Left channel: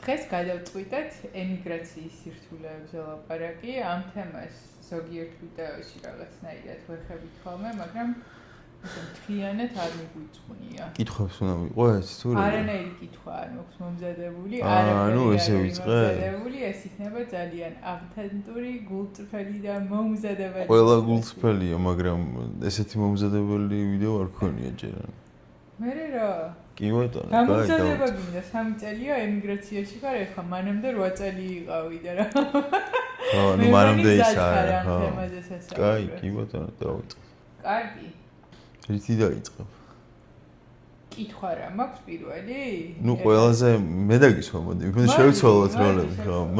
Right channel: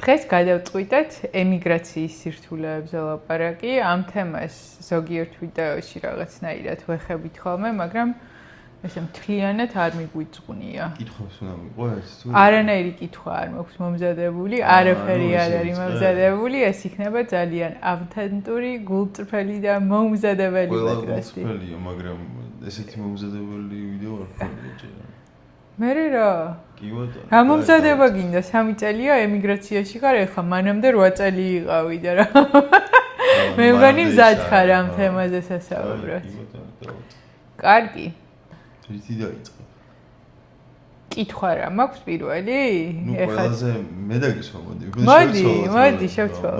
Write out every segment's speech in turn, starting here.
დღეს გადავწყვიტეთ ემიგრაციის სირთულეებზე ლაპარაკი. ამ თემას ზოგიერთ ვიდეოში რაღაცნაირად ვეხებით ხოლმე, მაგრამ ესე მთლიანად არ მიგვიწყვნია. კითხვებს უნდა ვიყო ეს? არანაირი კითხვა არ მაქვს მომზადებული, არაფერი არ არის მომზადებული, ეს იქნება ძალიან ავთენტური, გულწრფელი და მომზადებელი. ყველა გულწრფელია, მაგრამ ესეთი მომზადებელი ვიდეო არ ქონია ჯერ. მე რა? კი ბატონო. გამომზადება გინდა 3 წელია ემიგრაციაში ხარ, ეხლა მანამდე 8 წელი იყავი და რა. მე მგონი მზად ხარ ამ თემაზე სასაუბრად. კი ბატონო, დავიწყე. კარგი. რითი დაიწყო? კითხვა რა მაქვს პირველი? ნუ ყველაზე მე დაგისვა, მოდი.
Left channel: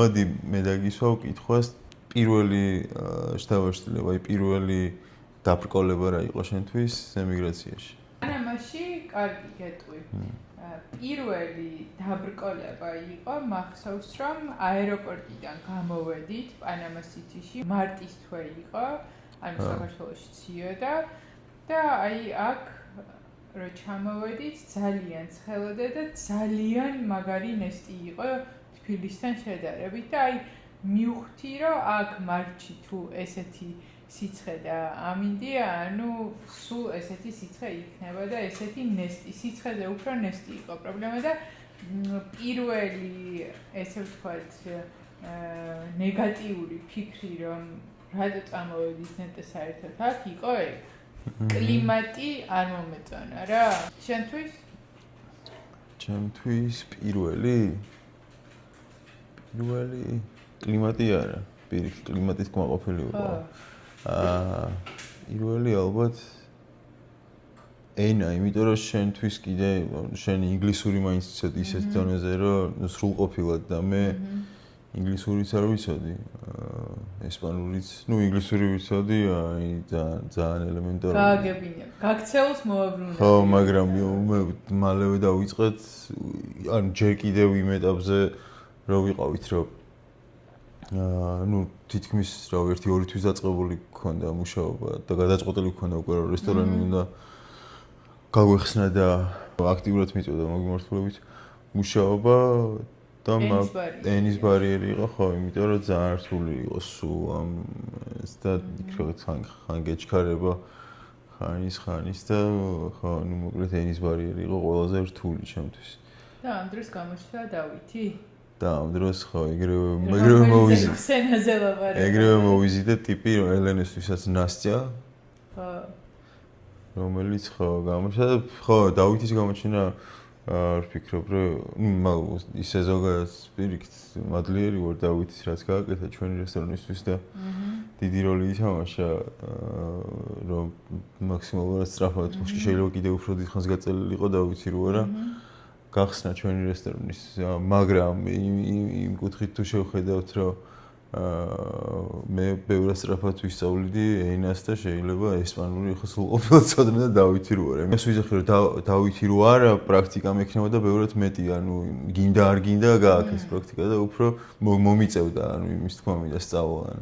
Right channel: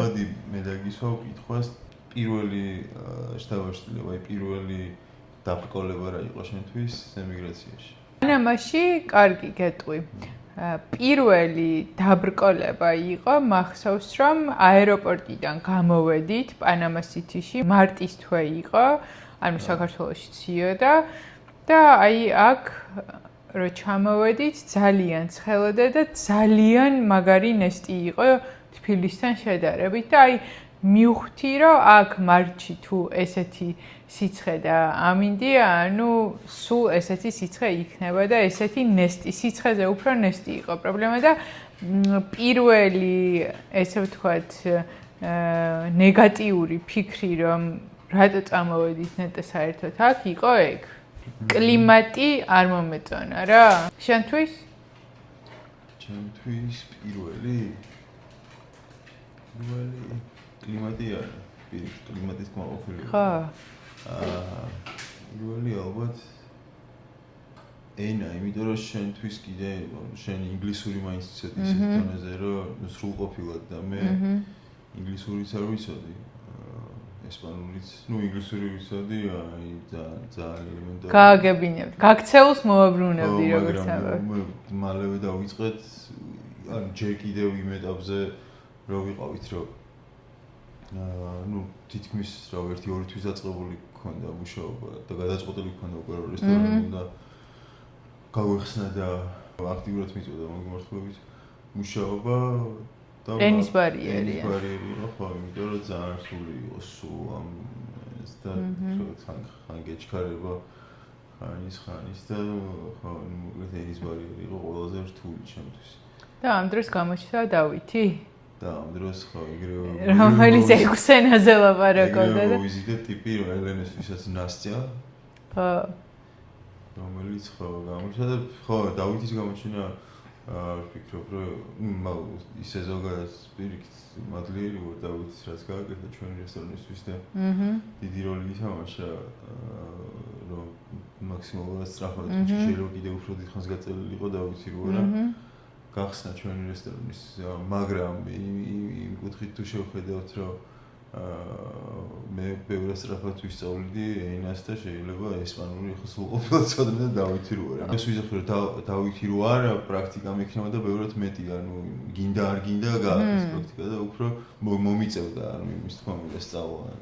მოდი მე დაგისვა კითხვას. პირველი შთავაშლება, პირველი დაბრკოლება რა იყო შენთვის ემიგრაციაში? პანამაში კარგი გეტყვი. პირველი დაბრკოლება იყო მახსოვს რომ აეროპორტიდან გამოვედით პანამა სიტიში, მარტის თვე იყო, ანუ საქართველოში ციოდა და აი აქ რო ჩამოვედით ძალიან ცხელოდა და ძალიან მაგარი ნესტი იყო თბილისთან შედარებით და აი მივხვდი რომ აქ მარტში თუ ესეთი სიცხე და ამინდია, ანუ სულ ესეთი სიცხე იქნება და ესეთი ნესტი, სიცხეზე უფრო ნესტი იყო პრობლემა და პირველი, ესე ვთქვათ, ნეგატიური ფიქრი, რომ რატო წამოვედით ნეტე საერთოდ აქ, იყო ეგ. კლიმატი არ მომეწონა რა. შენთვის? ჩემთვის პირველი კლიმატი არა, პირიქით კლიმატის კმაყოფილი ვიყო. პირველი ალბათ ენა, იმიტომ რომ შენთვის კიდე შენ ინგლისური მაინც იცოდი ისეთ დონეზე, რომ სრულყოფილად და მე ინგლისურიც არ ვიცოდი. ესპანურიც, ნუ ინგლისური ვიცოდი, აი ძალიან ელემენტარული. გააგებინებთ, გაქცეულს მოაბრუნებდი. ხო, მაგრამ მე მალევე დავიწყეთ, ანუ ჯერ კიდევ იმ ეტაპზე რო ვიყავით, რომ ნუ თითქმის რა 1-2 თვის დაწყებული გქონდა მუშაობა და გადაწყვეტილი გქონდა უკვე რომ რესტორანი უნდა გაგვეხსნა და აქტიურად მიწოდა მოგმართლებით მუშაობა და ენის ბარიერი იყო, ხო, იმიტომ რომ ძალიან რთული იყო სულ ამ და ხან გეჩქარება ხანის და ხო, ნუ მოკლედ ენის ბარიერი იყო ყველაზე რთული ჩემთვის. და ამ დროს გამოჩნდა დავითი? და ამ დროს ხო ეგრევე რომელიც 6 ენაზე ლაპარაკობდა. ეგრევე მოვიზიდე ტიპი ელენეს ვისაც ნასტია. ხო. რომელიც ხო გამოჩნდა და ხო დავითის გამოჩენა ვფიქრობ რომ ისე ზოგადად პირიქით მადლიერი ვარ დავითის რაც გააკეთა ჩვენი რესტორნისთვის და დიდი როლი ითამაშა რომ მაქსიმალურად სწრაფად შეიძლება კიდევ უფრო დიდხანს გაწელილიყო დავითი რო არა გახსნა ჩვენი რესტორნის, მაგრამ იმ კუთხით თუ შევხედავთ, რომ მე ბევრად სწრაფად ვისწავლიდი ენას და შეიძლება ესპანური ხო სრულყოფილად ცოდნა და დავითი რო არა. ეს ვიზახი რომ დავითი რო არა, პრაქტიკა მექნება და ბევრად მეტი, ანუ გინდა არ გინდა გააკეთეს პრაქტიკა და უფრო მომიწევდა, ანუ იმის თქმა მინდა სწავლა.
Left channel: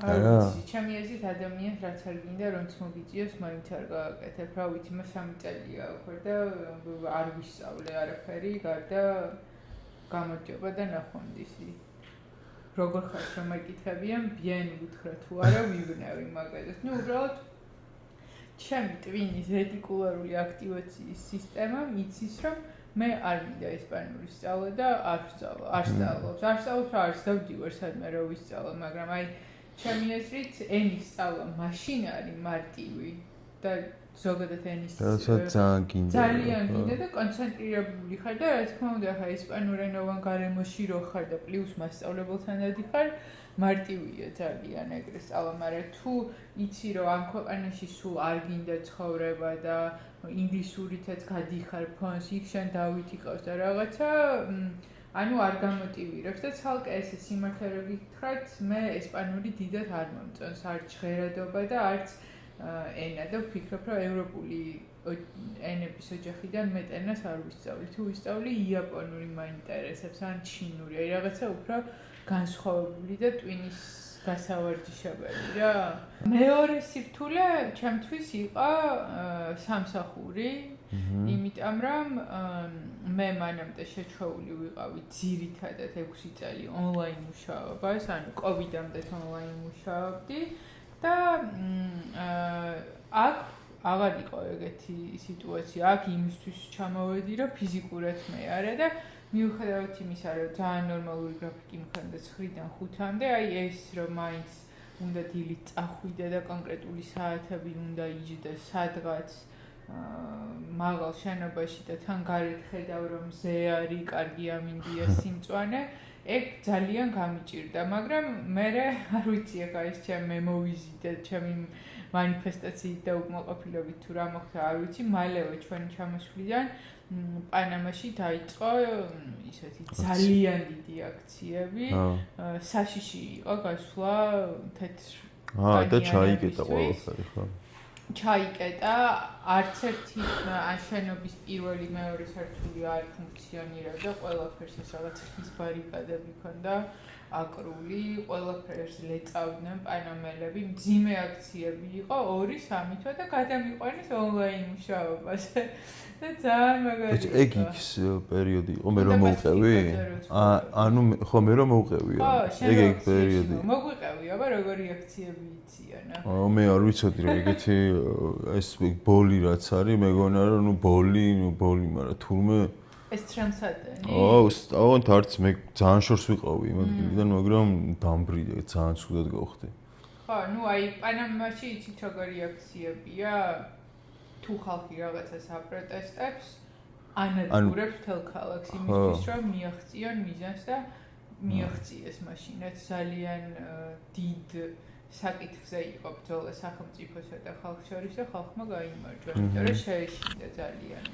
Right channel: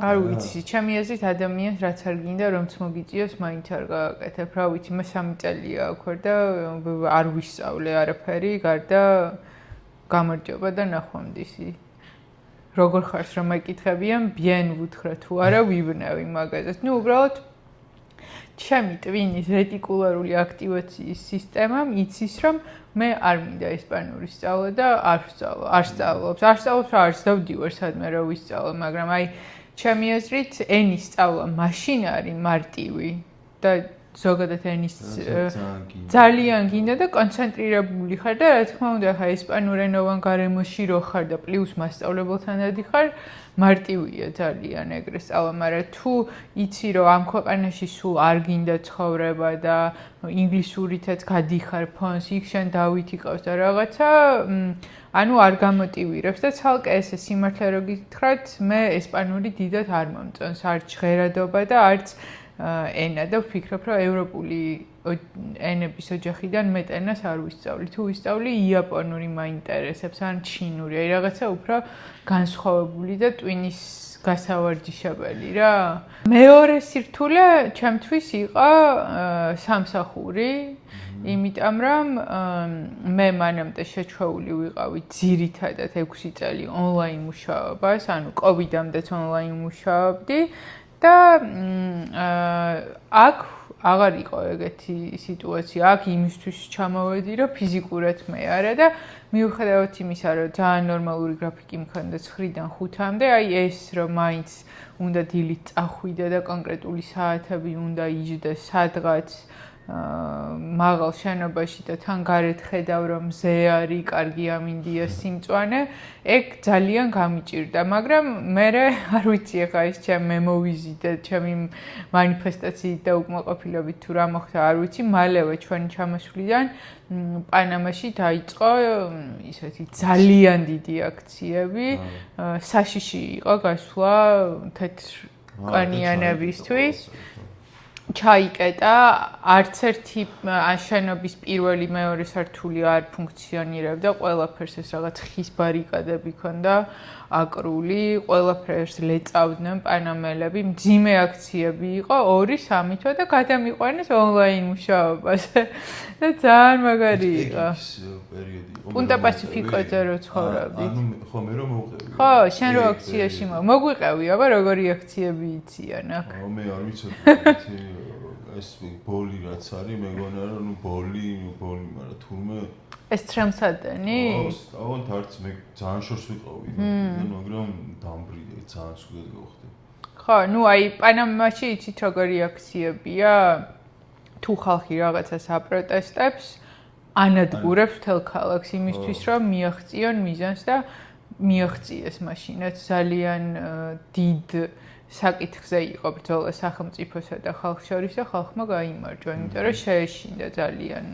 არ ვიცი, ჩემი აზრით ადამიანს რაც არ გინდა რომც მოგიწიოს, მაინც არ გააკეთებ. რა ვიცი, მე 3 წელია აქ ვარ და არ ვისწავლე არაფერი, გარდა გამარჯობა და ნახვამდისი. როგორ ხარს რომ მეკითხებიან, ბიენ ვუთხრა თუ არა ვიბნევი მაგაზეს. ნუ უბრალოდ ჩემი ტვინის რეტიკულარული აქტივაციის სისტემამ იცის რომ მე არ მინდა ესპანური სწავლა და არ სწავლობს რა არც დავდივარ სადმე რა ვისწავლო, მაგრამ აი ჩემი აზრით ენის სწავლა მაშინ არის მარტივი და ზოგადად ენის ძალიან გინდა და კონცენტრირებული ხარ და რა თქმა უნდა ხა ესპანურენოვან გარემოში რო ხარ და პლუს მასწავლებელთან დადიხარ მარტივია ძალიან ეგრე სწავლა, მაგრამ თუ იცი რომ ამ ქვეყანაში სულ არ გინდა ცხოვრება და ინგლისურითაც გადიხარ ფონს, იქ შენ დავითი ყავს და რაღაცა ანუ არ გამოტივირებს და ცალკე ესე სიმართლე რო გითხრათ, მე ესპანური დიდად არ მომწონს, არც ჟღერადობა და არც ენა და ვფიქრობ, რომ ევროპული ენების ოჯახიდან მეტ ენას არ ვისწავლი. თუ ვისწავლი, იაპონური მაინტერესებს, ან ჩინური, აი რაღაცა უფრო განსხვავებული და ტვინის გასავარჯიშებელი რა. მეორე სირთულე ჩემთვის იყო სამსახური. იმიტომ რომ მე მანამდე შეჩვეული ვიყავი ძირითადად 6 წელი ონლაინ მუშაობას, ანუ კოვიდამდეც ონლაინ მუშაობდი და აქ აღარ იყო ეგეთი სიტუაცია. აქ იმისთვის ჩამოვედი, რომ ფიზიკურად მე არა და მიუხედავად იმისა, რომ ძალიან ნორმალური გრაფიკი მქონდა 9-დან 5-მდე, აი ეს რომ მაინც უნდა დილით წახვიდე და კონკრეტული საათები უნდა იჯდე სადღაც მაღალ შენობაში და თან გარეთ ხედავ რომ მზე არის, კარგი ამინდია სიმწვანე, ეგ ძალიან გამიჭირდა, მაგრამ მე არ ვიცი ახლა ეს ჩემ მემოვიზიტე, ჩემი მანიფესტაციით და უკმაყოფილებით თუ რა მოხდა, არ ვიცი, მალევე ჩვენი ჩამოსვლიდან პანამაში დაიწყო ისეთი ძალიან დიდი აქციები, საშიში იყო გასვლა თეთრკანიანებისთვის. ჩაიკეტა, არც ერთი შენობის პირველი მეორე სართული არ ფუნქციონირებდა, ყველაფერს ეს რაღაც ხის ბარიკადები ქონდა, აკრული, ყველაფერს ლეწავდნენ პანამელები, მძიმე აქციები იყო 2-3 თვე და გადამიყვანეს ონლაინ მუშაობაზე. და ძალიან მაგარი იყო. ეს პერიოდი იყო პუნტა პასიფიკოზე რო ცხოვრობდი. ანუ ხო მე რომ მოვყევი. ხო, შენ რო აქციაში მოგვიყევი, აბა როგორი აქციები იციან ახლა. მე არ ვიცოდი რა ეგეთი ეს ბოლი რაც არის, მეგონა რომ ბოლი, მაგრამ თურმე ეს ტრემსადენი? ავანთ არც მე ძალიან შორს ვიყავი იმიდან, მაგრამ დამბრიდე, ძალიან ცუდად გავხდი. ხო, აი პანამაში იცით როგორი აქციებია? თუ ხალხი რაღაცას აპროტესტებს, ანადგურებს მთელ ქალაქს იმისთვის, რომ მიაღწიონ მიზანს და მიაღწიეს მაშინაც ძალიან დიდ საკითხზე იყო ბრძოლა სახელმწიფოსა და ხალხს შორის და ხალხმა გაიმარჯვა, იმიტომ რომ შეეშინდა ძალიან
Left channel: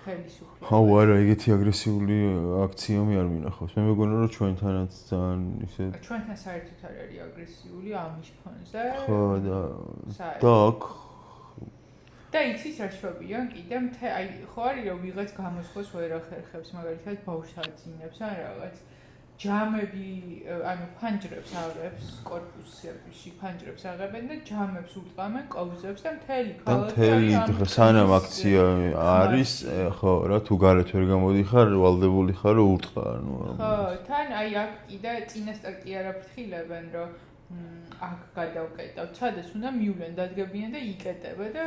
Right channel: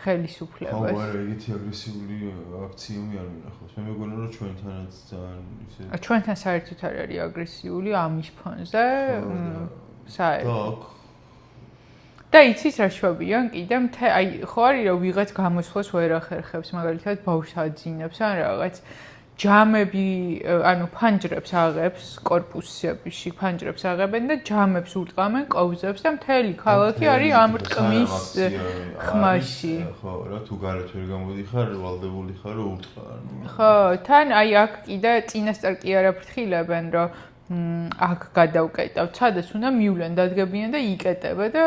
ხელისუფლებას. ხო, არა, ეგეთი აგრესიული აქციები არ მინახავს. მე მეგონა რომ ჩვენთანაც ძალიან ისე ჩვენთან საერთოდ არ არის აგრესიული ამის ფონზე. საერთოდ და იცის რა შვებიან კიდე აი ხო არის რომ ვიღაც გამოსვლას ვერ ახერხებს, მაგალითად ბავშვს აძინებს ან რაღაც ჯამები, ანუ ფანჯრებს აღებს, კორპუსებში ფანჯრებს აღებენ და ჯამებს ურტყამენ კოვზებს და მთელი ქალაქი არის ამ რკინის აქცია არის, ხო, რა თუ გარეთ ვერ გამოდიხარ, ვალდებული ხარ რომ ურტყა, ანუ ხო, თან აი აქ კიდე წინასწარ კი არ აფრთხილებენ, რომ აქ გადავკეტავთ, სადაც უნდა მივლენ, დადგებიან და იკეტება და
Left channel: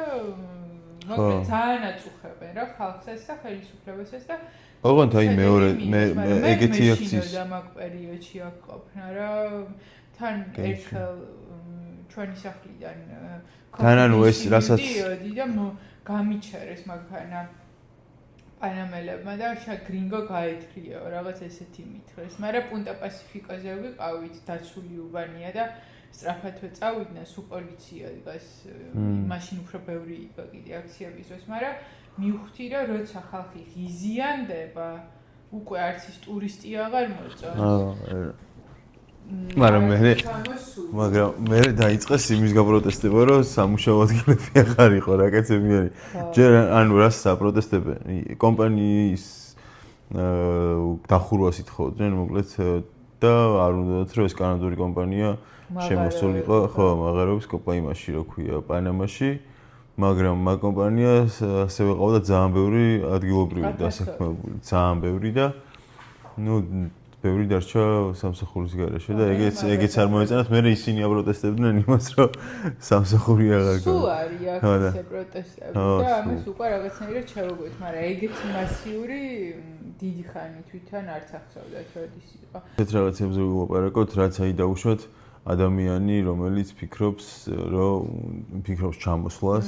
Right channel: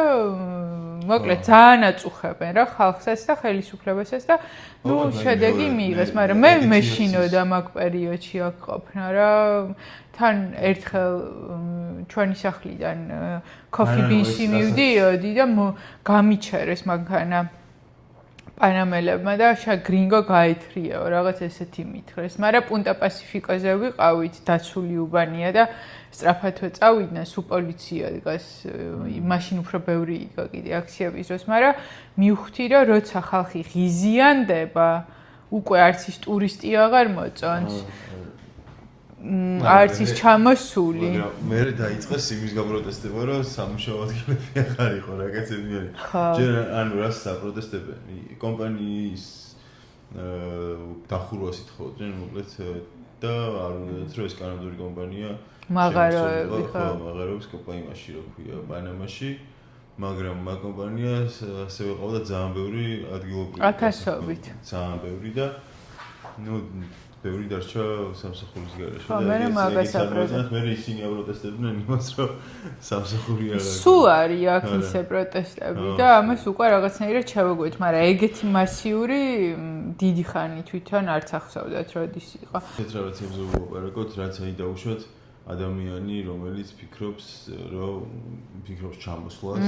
მოკლედ ძალიან აწუხებენ რა ხალხსაც და ხელისუფლებასაც და შედეგი მიიღეს, მაგრამ მე მეშინოდა მაგ პერიოდში აქ ყოფნა რა თან ერთხელ ჩვენი სახლიდან კოფეში მივდიოდი და გამიჩერეს მანქანა პანამელებმა და გრინგო გაეთრიაო, რაღაც ესეთი მითხრეს, მაგრამ პუნტა პასიფიკოზე ვიყავით, დაცული უბანია და სწრაფათვე წავიდნენ, სულ პოლიცია დგას, მაშინ უფრო ბევრი იყო კიდე აქციების დროს, მაგრამ მივხვდი, რომ როცა ხალხი ღიზიანდება, უკვე არც ის ტურისტი აღარ მოწონს. არც ის ჩამოსული. მაგრამ მე დაიწყეს იმის გაპროტესტება, რომ სამუშაო ადგილები აღარ იყო რა კაცები არის. ჯერ ანუ რას საპროტესტებენ? კომპანიის დახურვას ითხოვდნენ, მოკლედ და არ უნდათ რომ ეს კანადური კომპანია მაღაროებიყო. ხო, მაღაროების კომპანიაში რო ქვია პანამაში, მაგრამ მაგ კომპანიას ასევე ყავდა ძალიან ბევრი ადგილობრივი დასაქმებული, ძალიან ბევრი და ნუ ბევრი დარჩა სამსახურის გარეშე და ეგეც არ მოეწონათ, მე ისინი აპროტესტებდნენ იმას, რომ სამსახური არ აქვს. სულ არის აქ ისე პროტესტები და ამას უკვე რაღაცნაირად ჩავაგვეთ, მაგრამ ეგეთი მასიური დიდი ხანი თვითონ არც ახსოვდათ, როდის იყო. ეს რაღაცებზე ვაპარაკოთ, რაც აი დაუშვათ ადამიანი, რომელიც ფიქრობს ჩამოსვლას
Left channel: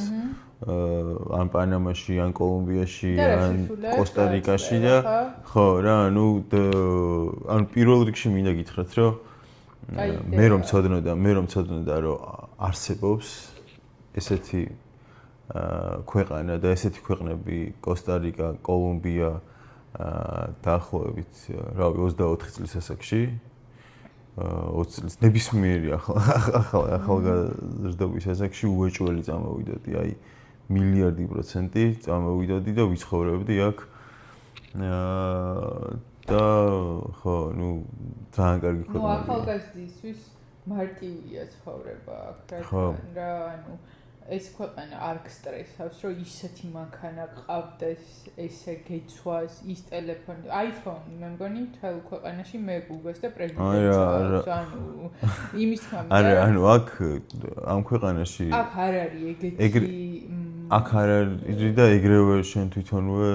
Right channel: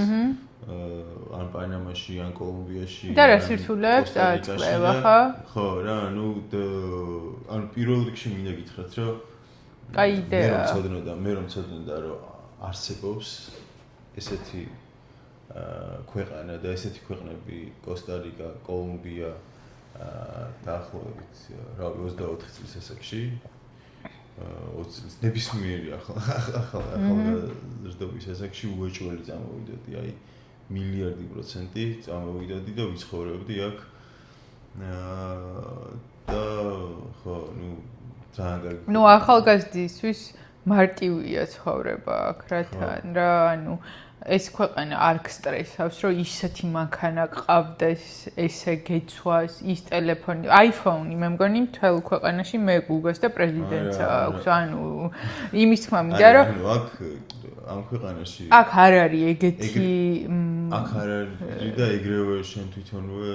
ან პანამაში, ან კოლუმბიაში, ან კოსტა-რიკაში და ხო, რა, ანუ პირველ რიგში მინდა გითხრათ, რომ მე რომ ცოდნოდა, რომ არსებობს ესეთი ქვეყანა და ესეთი ქვეყნები კოსტა-რიკა, კოლუმბია დაახლოებით, რავი, 24 წლის ასაკში 20 წლის ნებისმიერი ახალგაზრდობის ასაკში უეჭველი წამოვიდოდი, აი მილიარდი % წამოვიდოდი და ვიცხოვრებდი აქ და ხო, ნუ ძალიან კარგი. ნუ ახალგაზრდისთვის მარტივია ცხოვრება აქ, რათან რა, ანუ ეს ქვეყანა არ გსტრესავს, რომ ისეთი მანქანა ყავდეს, ესე გეცვას, ის ტელეფონი, iPhone-ი, მე მგონი მთელ ქვეყანაში მეგუგას და პრეზიდენტს აქვს. ანუ იმის თქმა მინდა, რომ ანუ აქ ამ ქვეყანაში აქ არ არის ეგეთი აქ არ არის და ეგრევე შენ თვითონვე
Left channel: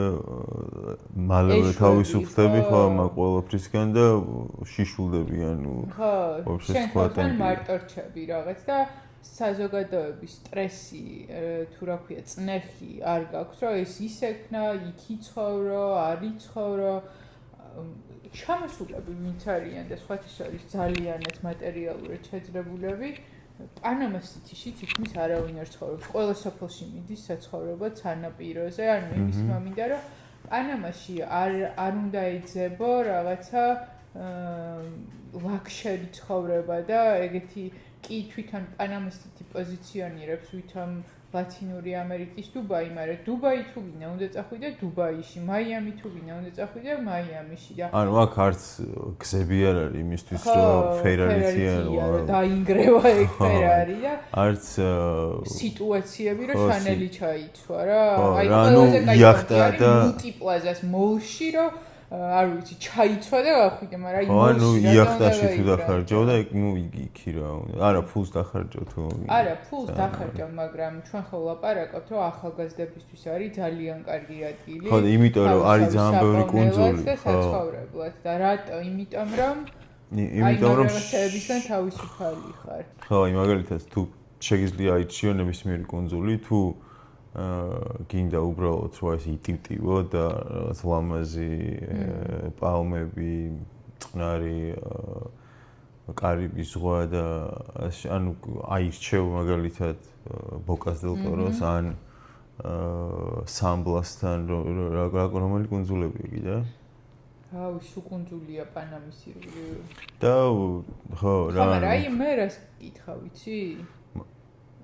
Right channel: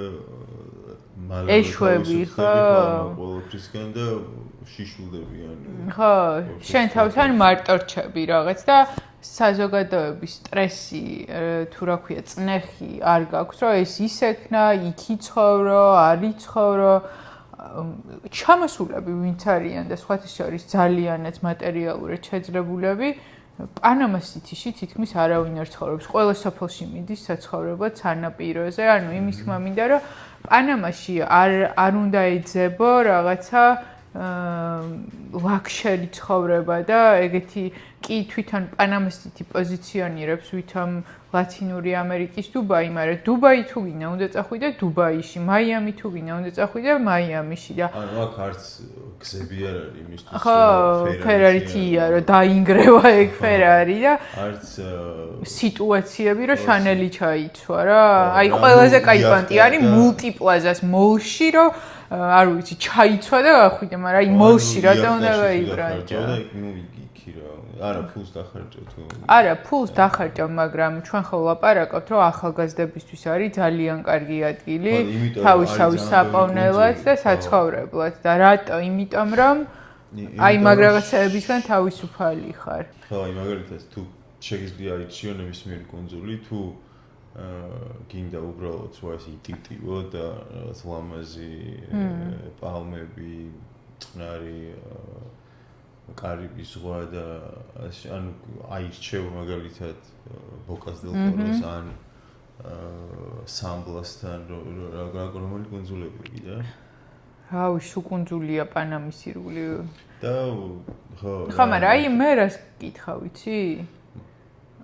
მალევე თავისუფლდები ხო ამ ყველაფრისგან და შიშულდები ანუ ხო, შენ თავთან მარტო რჩები რაღაც და საზოგადოების სტრესი, თუ რა ქვია, წნეხი არ გაქვს, რომ ეს ისექნა, იქ იცხოვრო, არ იცხოვრო. ჩამოსულები ვინც არიან და სხვათა შორის ძალიანაც მატერიალურად შეძლებულები, პანამას სიტიში თითქმის არავინ არ ცხოვრობს. ყველა სოფელში მიდის საცხოვრებლად სანაპიროზე, ანუ იმის თქმა მინდა, რომ პანამაში არ უნდა ეძებო რაღაცა ლაქშერი ცხოვრება და ეგეთი კი თვითონ პანამასტი პოზიციონირებს ვითომ ლათინური ამერიკის დუბაი, მაგრამ დუბაი თუ გინდა უნდა წახვიდე დუბაიში, მაიამი თუ გინდა უნდა წახვიდე მაიამიში და ანუ აქ არც გზები არ არის იმისთვის რომ ფერარითია რომ დაინგრევა ეგ ფერარი და არც სიტუაციები რომ შანელი ჩაიცვა რა. აი ყველაზე კაი პონტი არის მულტიპლაზას მოლში რომ არ ვიცი ჩაიცვა და ახვიდე, მაგრამ აი მოლში რატომ უნდა დაიხარჯო და ნუ იქი რა. არა ფულს დახარჯო თუ არა ფულს დახარჯო, მაგრამ ჩვენ ხო ვლაპარაკობთ რომ ახალგაზრდებისთვის არის ძალიან კარგი ადგილი თავისთავად საყოვნელად და საცხოვრებლად და რატო? იმიტომ რომ აი მაგრაღაცებისგან თავისუფალი ხარ. ხო, აი მაგალითად თუ შეგიძლია აიჩიო ნებისმიერი კუნძული თუ გინდა უბრალოდ რა ის იტივტივო და რაღაც ლამაზი პალმები, წყნარი კარიბის ზღვა და ანუ აირჩევ მაგალითად ბოკას დელ ტოროს ან სამბლასთან რომელი კუნძულები კიდე? რავი, შუკუნძულია პანამის ირგვლივ. და ხო, რა. ხო, მაგრამ აი მე რას გკითხავ, ვიცი?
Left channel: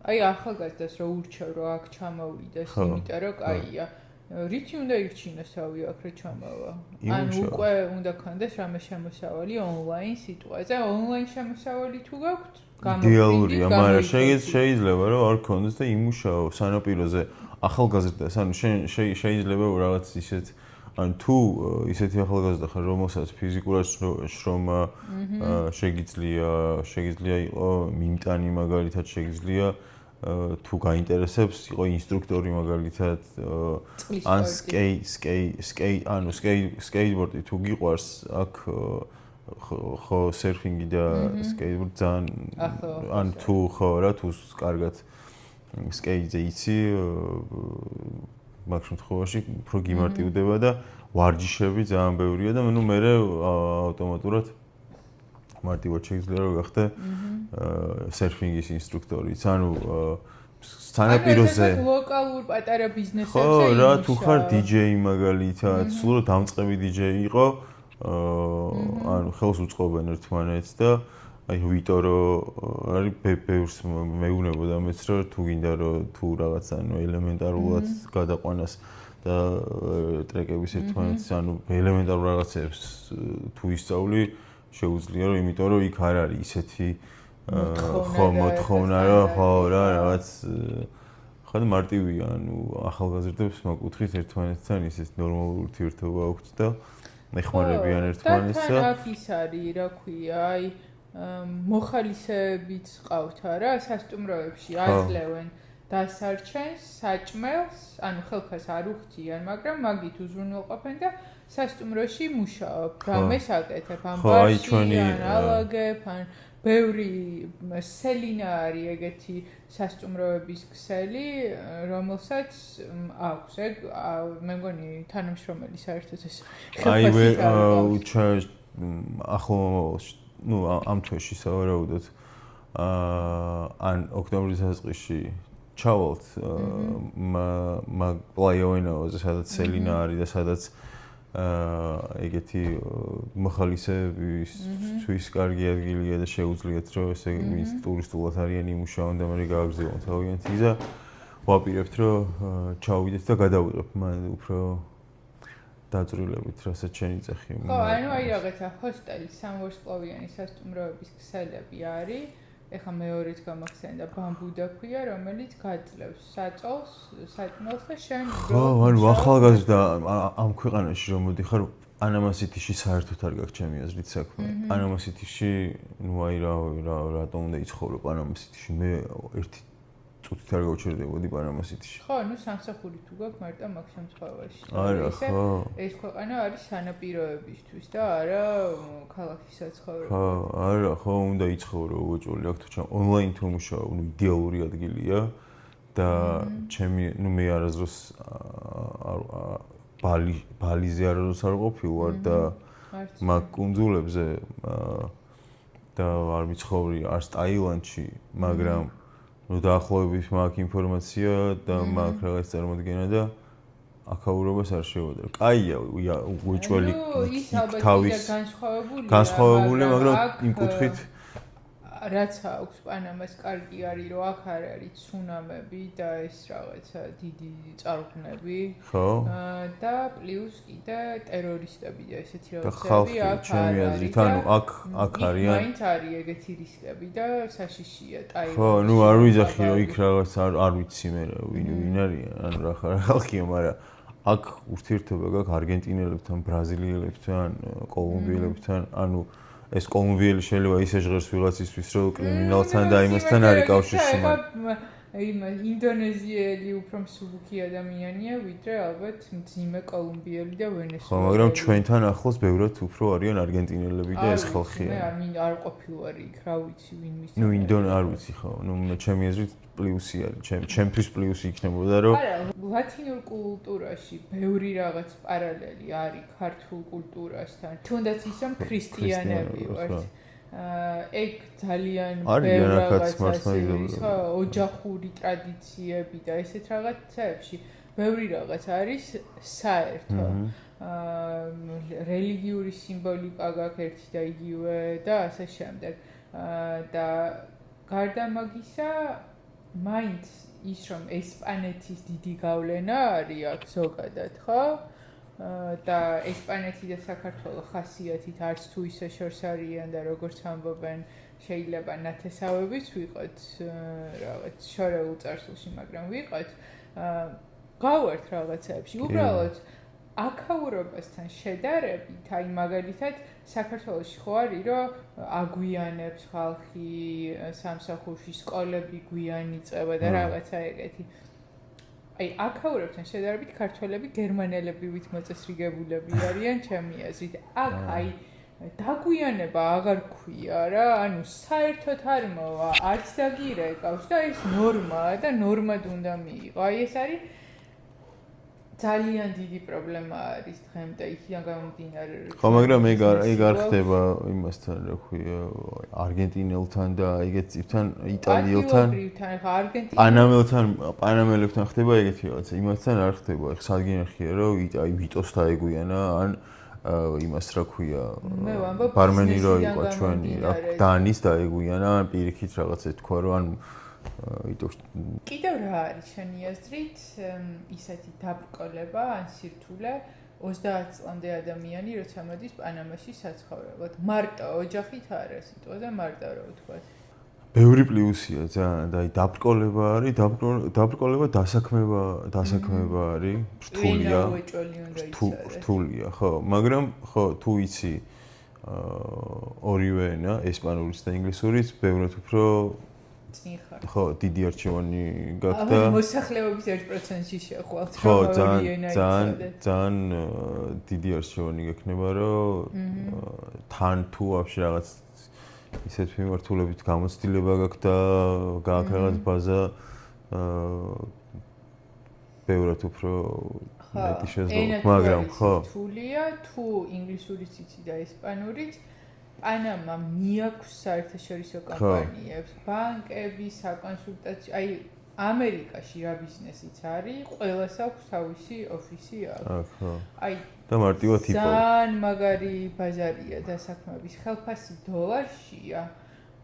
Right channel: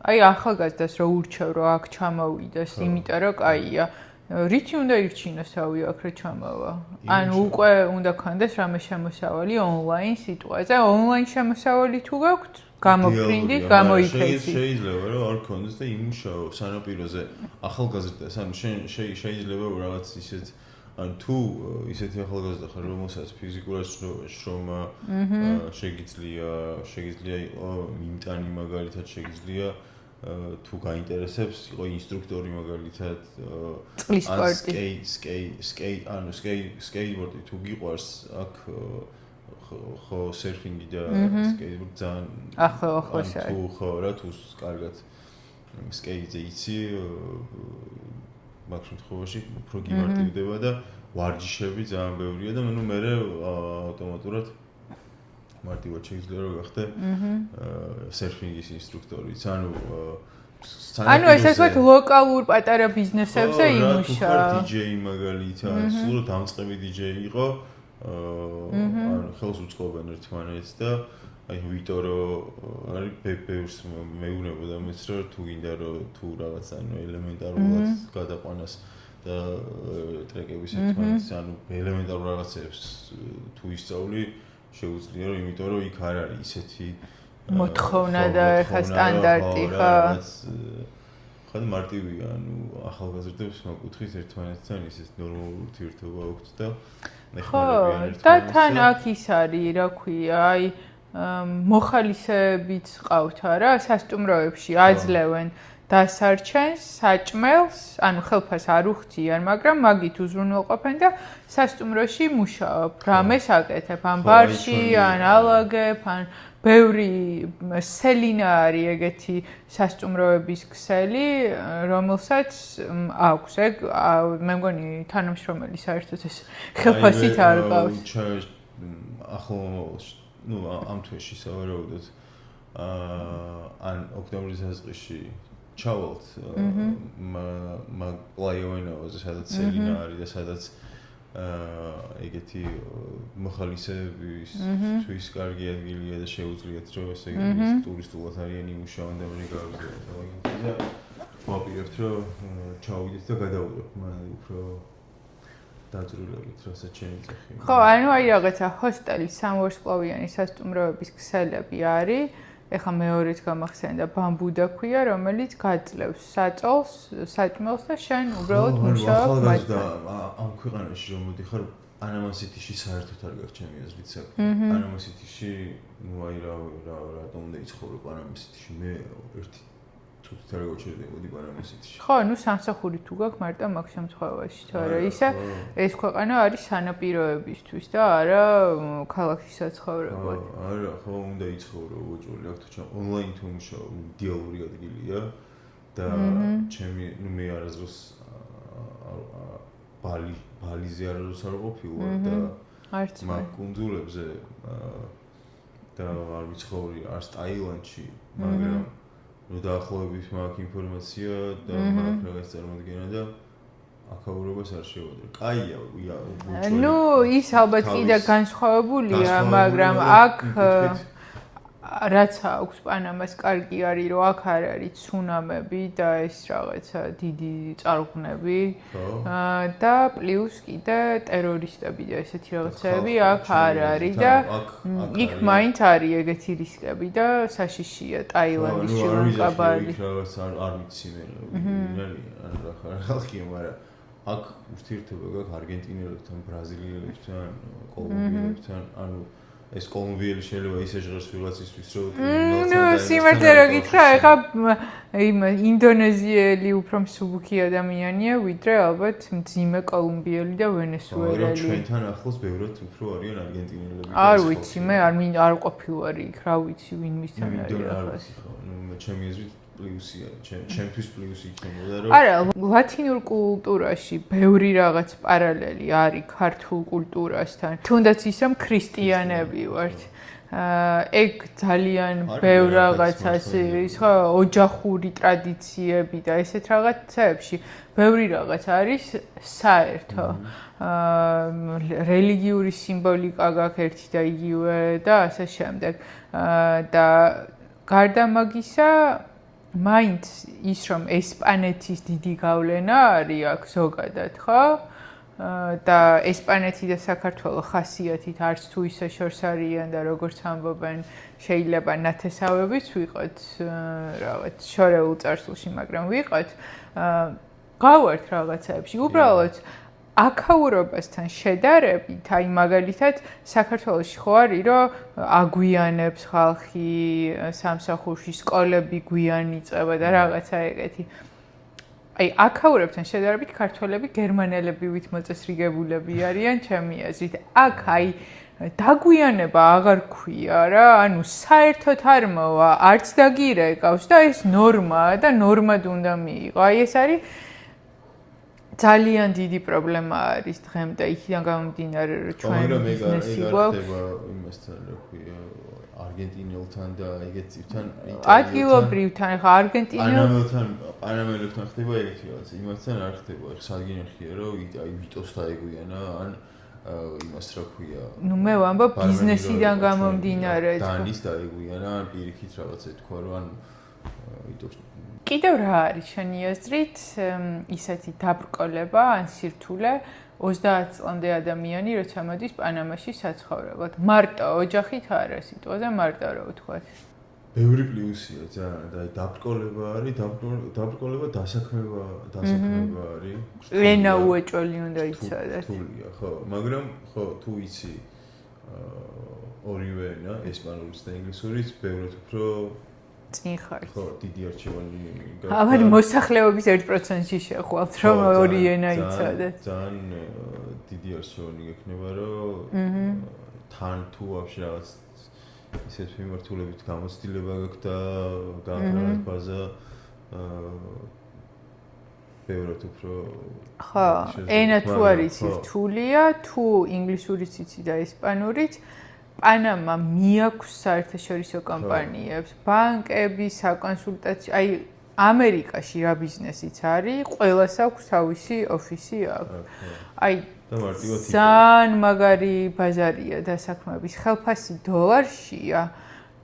აი ახალგაზრდას რო ურჩევ რომ აქ ჩამოვიდეს, იმიტომ რომ კაია. რითი უნდა ირჩინოს რავი აქ რო ჩამოვა? ანუ უკვე უნდა ქონდეს რამე შემოსავალი ონლაინ სიტუაცია. ონლაინ შემოსავალი თუ გაქვთ, გამოფრინდით, გამოიქცეთ. შეიძლება რომ არ ქონდეს და იმუშაო სანაპიროზე ახალგაზრდას, ანუ შეიძლება რაღაც ისეთ ან თუ ისეთი ახალგაზრდა ხარ, რომელსაც ფიზიკურად შრომა შეგიძლია იყო მიმტანი მაგალითად შეგიძლია თუ გაინტერესებს იყო ინსტრუქტორი მაგალითად ან სკეიტბორდი თუ გიყვარს აქ ხო სერფინგი და სკეიტბორდი ძალიან ან თუ ხო რა თუ კარგად სკეიტზე იცი მაგ შემთხვევაში უფრო გიმარტივდება და ვარჯიშები ძალიან ბევრია და ნუ მე ავტომატურად მარტივად შეიძლება რომ გახდე სერფინგის ინსტრუქტორიც. ანუ ესე ვთქვათ ლოკალურ პატარა ბიზნესებზე იმუშავა. რა თუ ხარ DJ მაგალითად, სულ დამწყები DJ იყო, ანუ ხელს უწყობენ ერთმანეთს და აი ვიტორო არის ბევრს მეუბნებოდა მეც რომ თუ გინდა რომ თუ რაღაც ანუ ელემენტარულად გადაყვანას და ტრეკების ერთმანეთს ანუ ელემენტარულ რაღაცებს თუ ისწავლი შეუძლია რომ იმიტომ რომ იქ არ არის ისეთი მოთხოვნა და სტანდარტი რაღაც ხან მარტივია ანუ ახალგაზრდებს მაკუთხით ერთმანეთთან ისეთ ნორმალური ურთიერთობა აქვთ და ეხმარებიან ერთმანეთს და თან აქ ის არის რა ქვია აი მოხალისეებიც ყავთ არა სასტუმროებში აძლევენ დასარჩენს, საჭმელს, ანუ ხელფას არ უხდიან, მაგრამ მაგით უზრუნველყოფენ და სასტუმროში მუშაობ. რამეს აკეთებ, ან ბარში, ან ალაგებ, ან ბევრი სელინა არის ეგეთი სასტუმროების ქსელი, რომელსაც აქვს. ეგ მე მგონი თანამშრომელი საერთოდ ეს ხელფასით არ ყავს. ახლა ნუ ამ თვეში სავარაუდოდ ან ოქტომბრის დასაწყისში ჩავალთ პლაიოვენოზე, სადაც სელინა არის და სადაც ეგეთი მოხალისეებისთვის კარგი ადგილია და შეუძლიათ რომ ესე ის ტურისტულად არიან იმუშაონ და მე გავაგზავნოთ ავიაციით და ვაპირებთ რომ ჩავიდეთ და გადავიღებ მან უფრო დაძრულებით რასაც შენი წეხი. ხო, ანუ აი რაღაცა ჰოსტელი სამვარსკვლავიანი სასტუმროების ქსელები არის ეხა მეორეც გამახსენდა ბამბუდა ქვია, რომელიც გაძლევს საწოლს, საჭმელს და შენ უბრალოდ ანუ ახალგაზრდა ამ ქვეყანაში რომ მოდიხარ პანამა-სიტიში საერთოდ არ გაქვს ჩემი აზრით საქმე. პანამა-სიტიში ნუ აი რატომ უნდა იცხოვრო პანამა-სიტიში? მე ერთი წუთით არ გავჩერდებოდი პანამა-სიტიში. ხო, ნუ სამსახური თუ გაქვს მარტო მაგ შემთხვევაში, თორე ისა ეს ქვეყანა არის სანაპიროებისთვის და არა ქალაქის საცხოვრებლად. არა, ხო, უნდა იცხოვრო უოჭველი აქ თუ ჩამ ონლაინ თუ მუშაობ, ნუ იდეალური ადგილია და ჩემი ნუ მე არასდროს ბალიზე არასდროს არ ყოფილვარ და მაგ კუნძულებზე და არ ვიცხოვრი არც ტაილანდში, მაგრამ ნუ დაახლოებით მაქვს ინფორმაცია და მაქვს რაღაც წარმოდგენა და აქაურობას არ შევადარ. კაია, უჭველი. ნუ ის ალბათ კიდე განსხვავებულია, მაგრამ აქ რაც აქვს პანამას კარგი არის, რომ აქ არ არის ცუნამები და ეს რაღაცა დიდი წარღვნები. და პლუს კიდე ტერორისტები და ესეთი რაღაცები აქ არ არის და იქ მაინც არის ეგეთი რისკები და საშიშია ტაილანდის. ნუ არ ვიზახი იქ რაღაც არ ვიცი მე ვინ არის, ანუ რა ხალხია, მაგრამ აქ ურთიერთობა გაქვს არგენტინელებთან, ბრაზილიელებთან, კოლუმბიელებთან, ანუ ეს კოლუმბიელი შეიძლება ისე ჟღერს ვიღაცისთვის, რომ კრიმინალთან და იმასთან არ კავშირი. ეხა იმ ინდონეზიელი უფრო მსუბუქი ადამიანია, ვიდრე ალბათ მძიმე კოლუმბიელი და ვენესუელელი. მაგრამ ჩვენთან ახლოს ბევრად უფრო არიან არგენტინელები და ეს ხალხი. არ ვიცი, მე არ ყოფილვარი იქ, რა ვიცი, ვინ მისცა. ნუ არ ვიცი ხო, ნუ ჩემი აზრით პლუსი არის, ჩემთვის პლუსი იქნებოდა, რომ არა, ლათინურ კულტურაში ბევრი რაღაც პარალელი არის ქართულ კულტურასთან. თუნდაც ის რომ ქრისტიანები ვართ. ეგ ძალიან ბევრ რაღაცას ის ხო ოჯახური ტრადიციები და ესეთ რაღაცებში ბევრი რაღაც არის საერთო. რელიგიური სიმბოლიკა გაქვს ერთი და იგივე და ასე შემდეგ. და გარდა მაგისა მაინც ის რომ ესპანეთის დიდი გავლენა არის აქ ზოგადად, ხო? და ესპანეთი და საქართველო ხასიათით არც თუ ისე შორს არიან და როგორც ამბობენ, შეიძლება ნათესავებიც ვიყოთ, რაღაც შორეულ წარსულში, მაგრამ ვიყოთ, გავართ რაღაცებში. უბრალოდ აქაურობასთან შედარებით, აი მაგალითად საქართველოში ხო არის, რომ აგვიანებს ხალხი სამსახურში, სკოლები გვიან იწყება და რაღაცა ეგეთი. აი აქაურებთან შედარებით ქართველები გერმანელებივით მოწესრიგებულები არიან ჩემი აზრით. აქ აი დაგვიანება აღარ ქვია რა, ანუ საერთოდ არ მოვა, არც დაგირეკავს და ეს ნორმაა და ნორმად უნდა მიიღო. აი ეს არის ძალიან დიდი პრობლემა არის დღემდე იქიდან გამომდინარე რომ ჩვენ მაგრამ ეგ არ ხდება იმასთან რა ქვია არგენტინელთან და ეგეთ წიფთან იტალიელთან ხა პანამელებთან ხდება ეგეთი რაღაცა იმასთან არ ხდება ხა სადგინახია რომ აი ვიტოს დაეგვიანა ან იმას რა ქვია ნუ მე ვამბობ ბიზნესიდან გამომდინარე დანის დაეგვიანა ან პირიქით რაღაცა თქვა რომ ან კიდევ რა არის შენი აზრით ისეთი დაბრკოლება ან სირთულე 30 წლამდე ადამიანი როცა მოდის პანამაში საცხოვრებლად მარტო ოჯახით არა სიტყვაზე მარტო რა ვთქვათ ბევრი პლუსია ძალიან და აი დაბრკოლება არის დაბრკოლება დასაქმება არის ენა უეჭველი უნდა იცოდეს რთულია ხო მაგრამ ხო თუ იცი ორივე ენა ესპანურიც და ინგლისურიც ბევრად უფრო წინ ხარ. ხო, დიდი არჩევანი გაქვს. აბა მოსახლეობის 1%-ში შეხვალთ, რომ ორი ენა იცოდე. ძალიან დიდი არჩევანი გექნება, რომ თან თუ вообще რაღაც ისეთ მიმართულებით გამოცდილება გაქვს და გაქვს რაღაც ბაზა ბევრად უფრო ხო, ენა თუ არის რთულია, თუ ინგლისურიც იცი და ესპანურიც პანამა მიაქვს საერთაშორისო კომპანიებს, ბანკები, საკონსულტაციო, აი ამერიკაში რა ბიზნესიც არის, ყველას აქვს თავისი ოფისი აქ. აი და მარტივად იქ. ძალიან მაგარი ბაზარია დასაქმების ხელფასი დოლარშია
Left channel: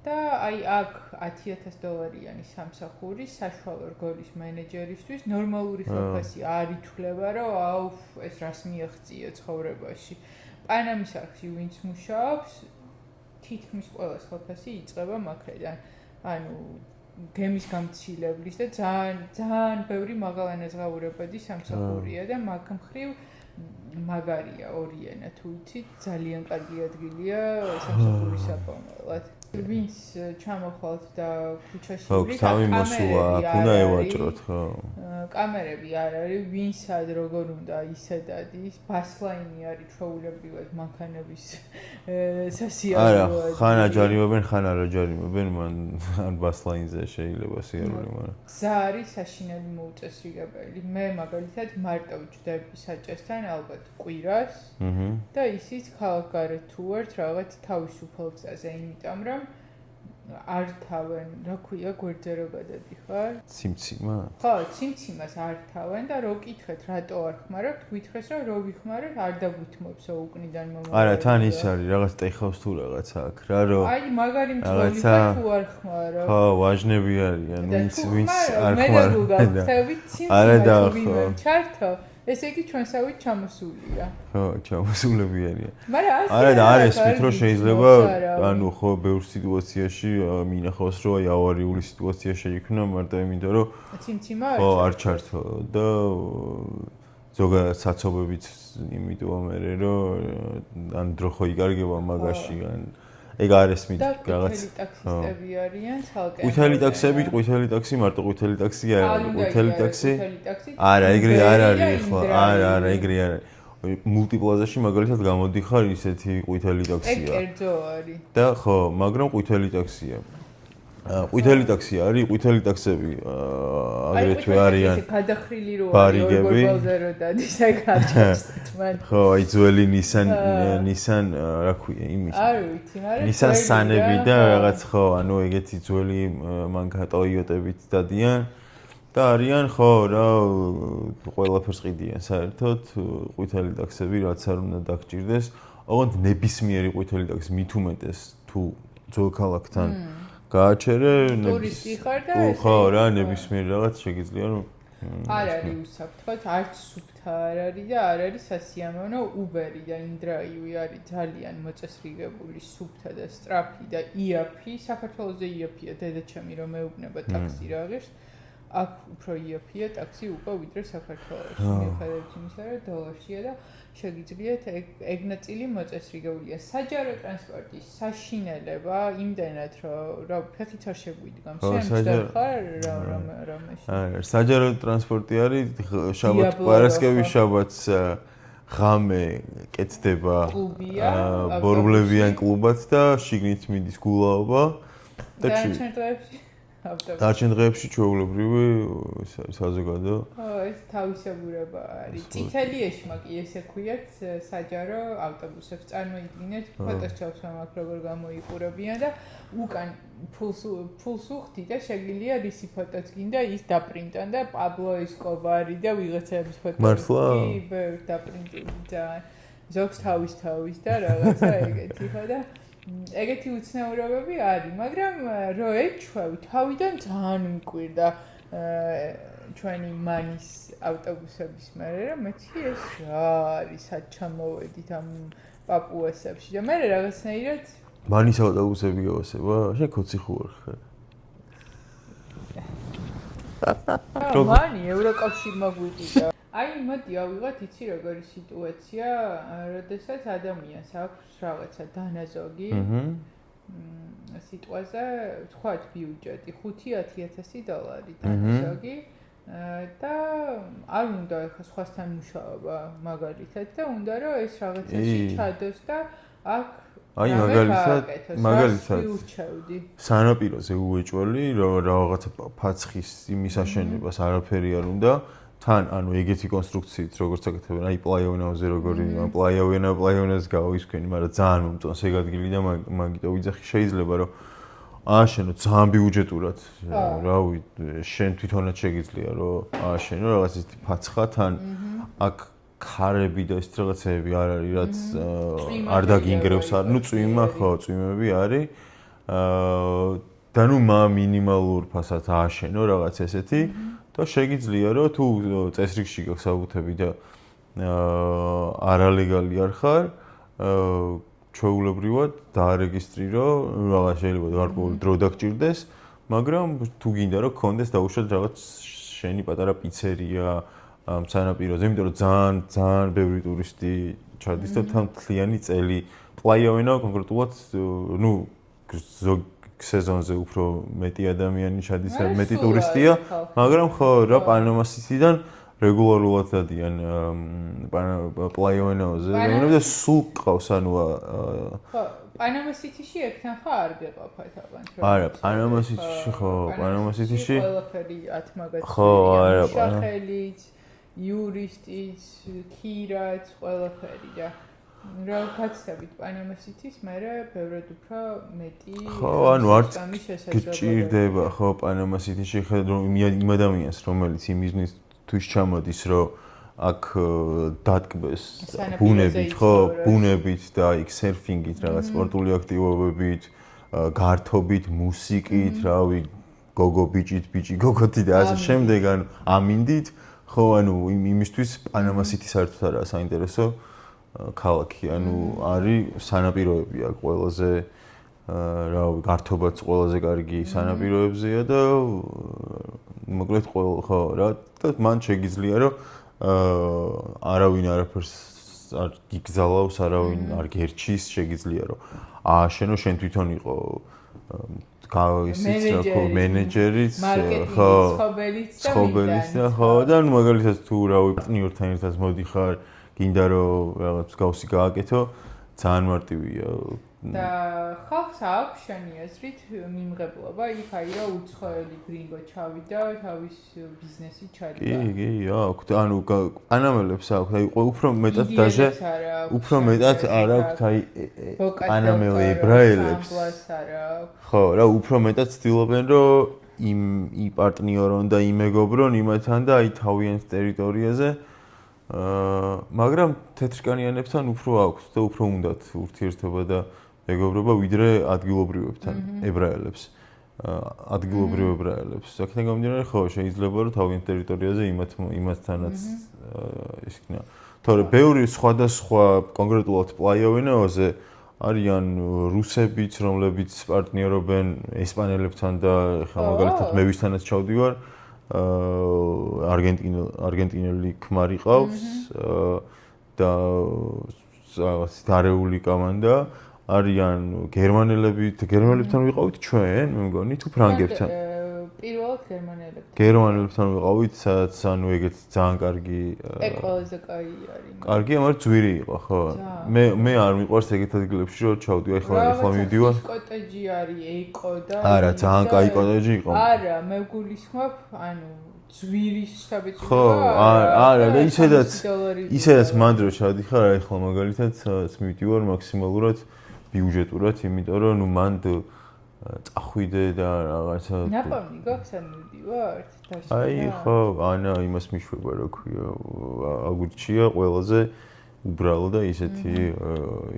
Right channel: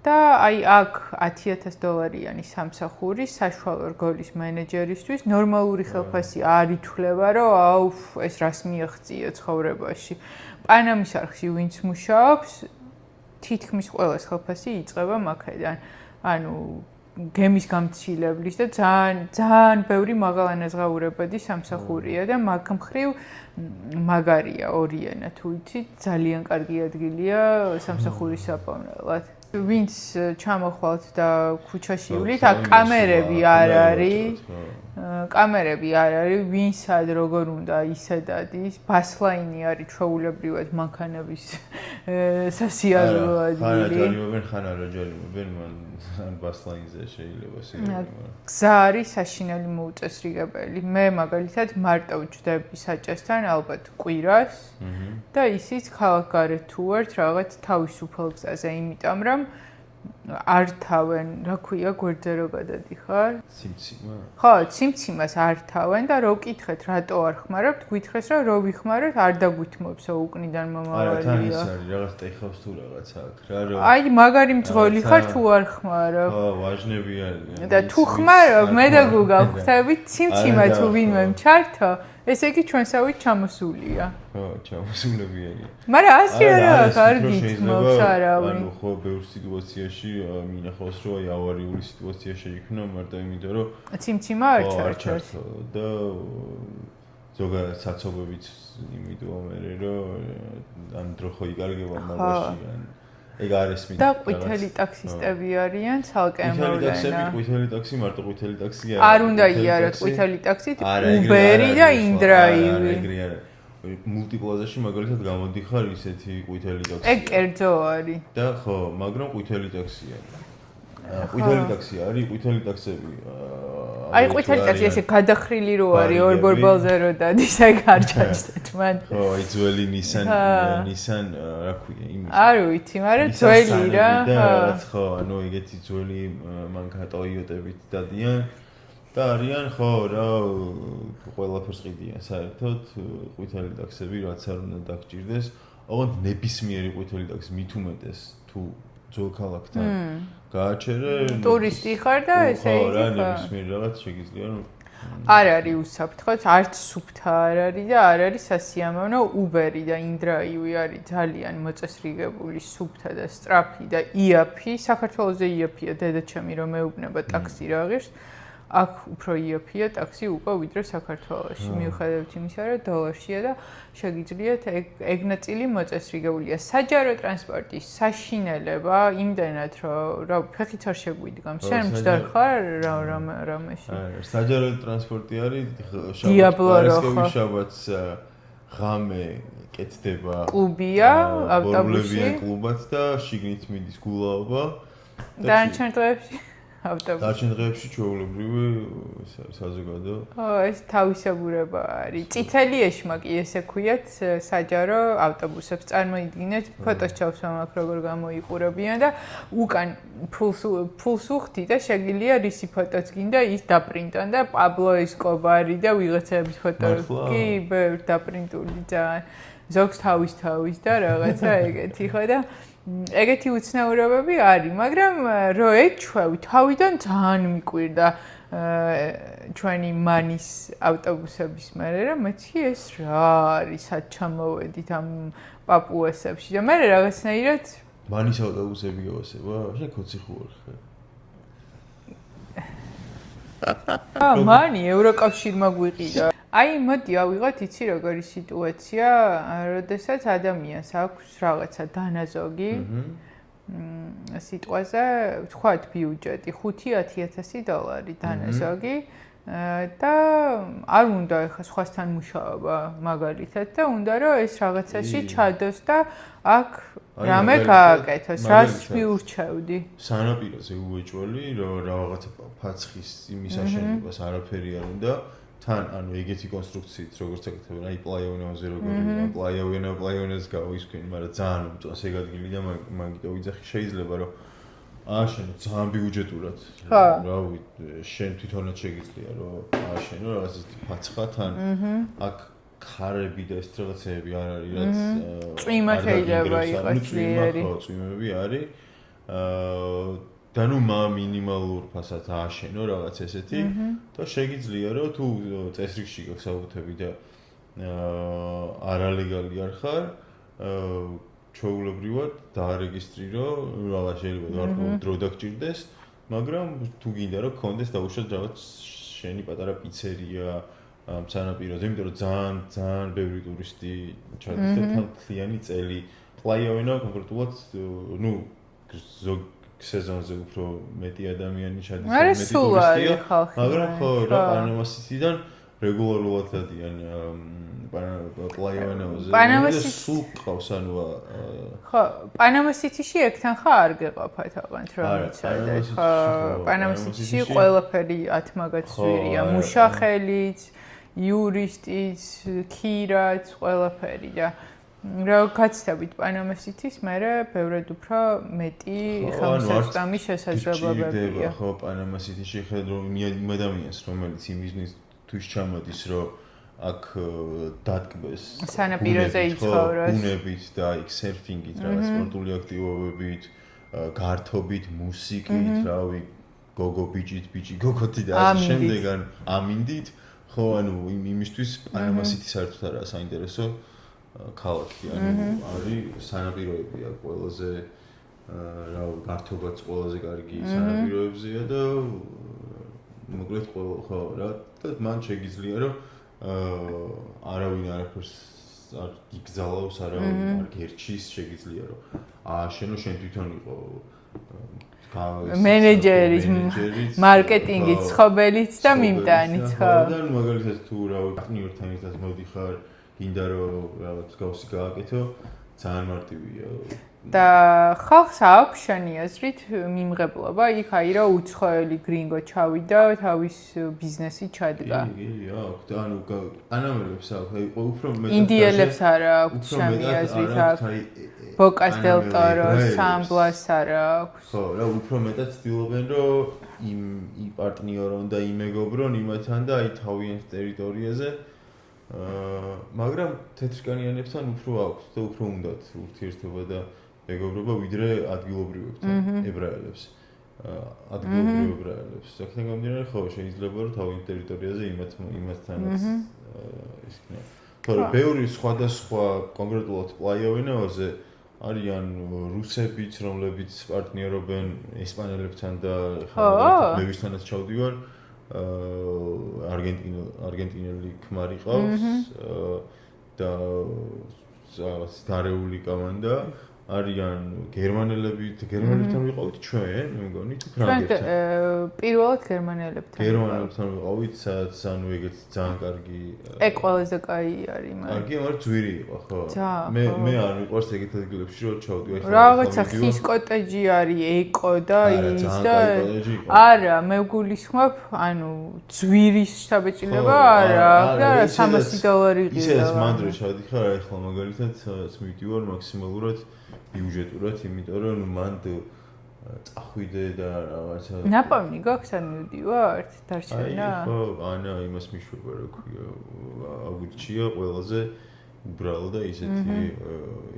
და აი აქ $10,000 სამსახური საშუალო რგოლის მენეჯერისთვის ნორმალური ხელფასი არ ითვლება, რომ აუ ეს რას მიაღწია ცხოვრებაში. პანამის არხში ვინც მუშაობს თითქმის ყველას ხელფასი იწყება მაქედან. ანუ გემის გამცილებლის და ძალიან ბევრი მაღალანაზღაურებადი სამსახურია და მაგ მხრივ მაგარია ორიანა თუ იცით ძალიან კარგი ადგილია სამსახურის საპოვნელად. ვინც ჩამოხვალთ და ქუჩაში ივლით, აქ კამერები არ არის. კამერები არ არის, ვინ სად როგორ უნდა ისე დადის. ბასლაინი არის ჩვეულებრივად მანქანების სასიარულო. ხან აჯარიმობენ, ხან არ აჯარიმობენ, ან ბასლაინზე შეიძლება სიარული. გზა არის საშინელი მოუწესრიგებელი. მე მაგალითად მარტო ვჯდები საჭესთან ალბათ კვირას და ისიც ქალაქგარეთ თუ ვართ რაღაც თავისუფალ გზაზე, იმიტომ რომ არ თავენ, რა ქვია, გვერდზე რო გადადიხარ? ციმციმა? ხო, ციმციმას არ თავენ და რო კითხეთ, რატო არ ხმარობთ, გითხრეს, რომ რო ვიხმაროთ, არ დაგვითმობსო უკნიდან მომავალი. არა, თან ის არის, რაღაც ტეხავს თუ რაღაც აქ, რა რო. აი, მაგარი მძღოლი ხარ თუ არ ხმარო. ხო, ვაჟნები არიან. და თუ ხმარო, მე და გუგა ვხვდებით, ციმციმა თუ ვინმე ჩართო, ესე იგი ჩვენსავით ჩამოსულია. ხო, ჩამოსულები არიან. მაგრამ ასე არა, კარგი შეიძლება, ანუ ხო, ბევრ სიტუაციაში მინახავს, რომ აი ავარიული სიტუაცია შეიქმნა, მარტო იმიტომ, რომ ციმციმა არ ჩართო და ზოგადად საცობებით იმიტომ მე რომ ან დრო ხო იკარგება მაგაში ან ეგ არის მით და ყვითელი ტაქსისტები არიან ცალკე ყვითელი ტაქსი მარტო ყვითელი ტაქსი არ უნდა იაროს ყვითელი ტაქსით უბერი და ინდრაივი არა ეგრე არა მულტიპლაზაში მაგალითად გამოდიხარ ისეთი ყვითელი ტაქსია ეგ კერძო არის და ხო მაგრამ ყვითელი ტაქსია ყვითელი ტაქსი არის ყვითელი ტაქსები აი ყვითელი ტაქსი ესე გადახრილი რო არის ორ ბორბალზე რო დადის აი გარჩევთ მან ხო აი ძველი Nissan რა ქვია იმის არ ვიცი მაგრამ ძველი რა და რაღაც ხო ანუ ეგეთი ძველი მანქანა Toyota-ებით დადიან და არიან ხო რა ყველაფერს ყიდიან საერთოდ ყვითელი ტაქსები რაც არ უნდა დაგჭირდეს ოღონდ ნებისმიერი ყვითელი ტაქსი მით უმეტეს თუ ძველ ქალაქთან გააჩერე ტურისტი ხარ და ესე ხო რა ნებისმიერ რაღაც შეგიძლია რომ არ არის უსაფრთხო არც სუფთა არ არის და არ არის სასიამოვნო უბერი და ინდრაივი არის ძალიან მოწესრიგებული სუფთა და სწრაფი და იაფი საქართველოზე იაფია დედაჩემი რომ მეუბნება ტაქსი რა ღირს აქ უფრო იაფია ტაქსი უკვე ვიდრე საქართველოში მიუხედავად იმისა რომ დოლარშია და შეგიძლიათ ეგ ნაწილი მოწესრიგებულია საჯარო ტრანსპორტის საშინელება იმდენად რომ რა ფეხით არ შეგვიდგამ შენ მჯდარ ხარ რამეში არა საჯარო ტრანსპორტი არის შაბათ პარასკევის შაბათს ღამე კეთდება კლუბია ბორბლებიან კლუბად და შიგნით მიდის გულაობა და ჩვენ დღეებში დარჩენ დღეებში ჩვეულებრივი საზოგადო ხო ეს თავისებურება არის წითელი ეშმაკი ესე ქვიათ საჯარო ავტობუსებს წარმოიდგინეთ ფოტოს ჩავსვამ აქ როგორ გამოიყურებიან და უკან ფულს უხდი და შეგიძლია რისი ფოტოც გინდა ის დაპრინტონ და პაბლო ესკობარი და ვიღაცების ფოტოები კი ბევრ დაპრინტული ძალიან ზოგს თავის და რაღაცა ეგეთი ხო და ეგეთი უცნაურობები არის, მაგრამ რო ეჩვევი, თავიდან ძალიან მიკვირდა ჩვენი მანის ავტობუსების მერე, რომ მეცი ეს რა არის, სად ჩამოვედით ამ პაპუასებში და მერე რაღაცნაირად მანის ავტობუსები გავასება, შენ კოცი ხარ. მანი ევროკავშირმა გვიყიდა. აი, მოდი ავიღოთ იცი როგორი სიტუაცია, როდესაც ადამიანს აქვს რაღაცა დანაზოგი სიტყვაზე, ვთქვათ ბიუჯეტი 5-10000 დოლარი დანაზოგი და არ უნდა ეხა სხვასთან მუშაობა მაგალითად და უნდა რომ ეს რაღაცაში ჩადოს და აქ რამე გააკეთოს, რას მიურჩევდი? სანაპიროზე უეჭველი, რომ რაღაცა ფაცხის იმის აშენებას არაფერი არ უნდა თან ანუ ეგეთი კონსტრუქციით როგორც აკეთებენ აი პლაიოვენაზე როგორი პლაიოვენას გავისქვენი მაგრამ ძალიან უმწონს ეგ ადგილი და მაგიტო ვიძახი შეიძლება რომ ააშენო ძალიან ბიუჯეტურად რავი შენ თვითონაც შეგიძლია რომ ააშენო რაღაც ისეთი ფაცხა თან აქ ქარები და ეს რაღაცები არ არის რაც არ დაგინგრევს არ ნუ წვიმა ხო წვიმები არის და ნუ მინიმალურ ფასად ააშენო რაღაც ესეთი და შეგიძლია რომ თუ წესრიგში გაქვს საბუთები და არალეგალი არ ხარ ჩვეულებრივად დაარეგისტრირო რაღაც შეიძლება გარკვეული დრო დაგჭირდეს მაგრამ თუ გინდა რომ გქონდეს დაუშვათ რაღაც შენი პატარა პიცერია ამ სანაპიროზე, იმიტომ რომ ძალიან ბევრი ტურისტი ჩადის და თან მთლიანი წელი პლაიოვენა კონკრეტულად ზოგ სეზონზე უფრო მეტი ადამიანი ჩადის, მეტი ტურისტია, მაგრამ ხო რა პანამა სიტიდან რეგულარულად დადიან პლაიოვენაოზე და სულ ყავს ანუ ხო პანამა სიტიში ეგთან ხა არ გეყოფათ აღანთ რა არა პანამა სიტიში ხო პანამა სიტიში ყველაფერი 10 მაგაცვირია მუშახელიც იურისტიც ქირაც ყველაფერი და რა გაცდებით პანამა სიტის მერე ბევრად უფრო მეტი ხელმისაწვდომი შესაძლებლობებია ხო პანამა სიტიში ხედავ იმ ადამიანს რომელიც იმ ბიზნეს თვის ჩამოდის რომ აქ დატკბეს ბუნებით და იქ სერფინგით რაღაც სპორტული აქტივობებით გართობით მუსიკით რავი გოგო ბიჭი გოგოთი და ასე შემდეგ ან ამინდით ხო ანუ იმისთვის პანამა სიტი საერთოდ არაა საინტერესო ქალაქი ანუ არის სანაპიროები აქ ყველაზე რავი გართობაც ყველაზე კარგი სანაპიროებზეა და მოკლედ ხო რა და მან შეგიძლია რომ არავინ არაფერს არ გიგზალავს, არავინ არ გერჩის, შეგიძლია რომ ააშენო შენ თვითონ იყო მენეჯერიც, მარკეტინგის ცხობელიც და მიმდანიც ხო და მაგალითად თუ რავი პარტნიორთან ერთად მოდიხარ, გინდა რომ რაღაც გავსი გააკეთო, ძალიან მარტივია და ხალხს აქვს შენი აზრით მიმღებლობა იქ აი რა უცხოელი გრინგო ჩავიდა თავის ბიზნესი ჩადგა კი აქვს ანუ პანამელებს აქვს აი უფრო მეტად ინდიელებს არა აქვს უფრო მეტად არა აქვს აი ბოკას დელ ტორო სამბლას არა აქვს ხო რა უფრო მეტად ცდილობენ რომ იმ პარტნიორონ და იმეგობრონ იმათთან და აი თავიანთ ტერიტორიაზე მაგრამ თეთრკანიანებთან უფრო აქვს და უფრო უნდათ ურთიერთობა და მეგობრობა ვიდრე ადგილობრივებთან ებრაელებს ადგილობრივ ებრაელებს აქედან გამომდინარე ხო შეიძლება რომ თავიანთ ტერიტორიაზე იმათთანაც ის იქნება თორე ბევრი სხვადასხვა კონკრეტულად პლაიოვენაოზე არიან რუსებიც რომლებიც პარტნიორობენ ესპანელებთან და ხა მაგალითად მე ვისთანაც ჩავდივარ არგენტინელი ქმარი ყავს და დარეული კომანდა არიან გერმანელებთან ვიყავით ჩვენ, მე მგონი თუ ფრანგებთან. პირველად გერმანელებთან. გერმანელებთან ვიყავით, სადაც ანუ ეგეც ძალიან კარგი ეგ ყველაზე კაი არის მაგრამ. კარგია, მაგრამ ძვირი იყო, ხო. მე არ მიყვარს ეგეთ ადგილებში რომ ჩავდივარ, ხო, რაღაცა ხის კოტეჯი არის, ეკო და ის და არა, ძალიან კაი კოტეჯი იყო. არა, მე გულისხმობ, ანუ ძვირის შთაბეჭდილება არა, $300 ისედაც მანდრო ჩავდიხარ, აი ხო მაგალითად მივდივარ მაქსიმალურად ბიუჯეტურად, იმიტომ რომ ნუ მანდ წახვიდე და რაღაცა ნაპოვნი გაქვს ან მივდივართ დარჩენა? აი ხო, ანა იმას მიშვება რა ქვია, აგურჩია ყველაზე უბრალო და ისეთი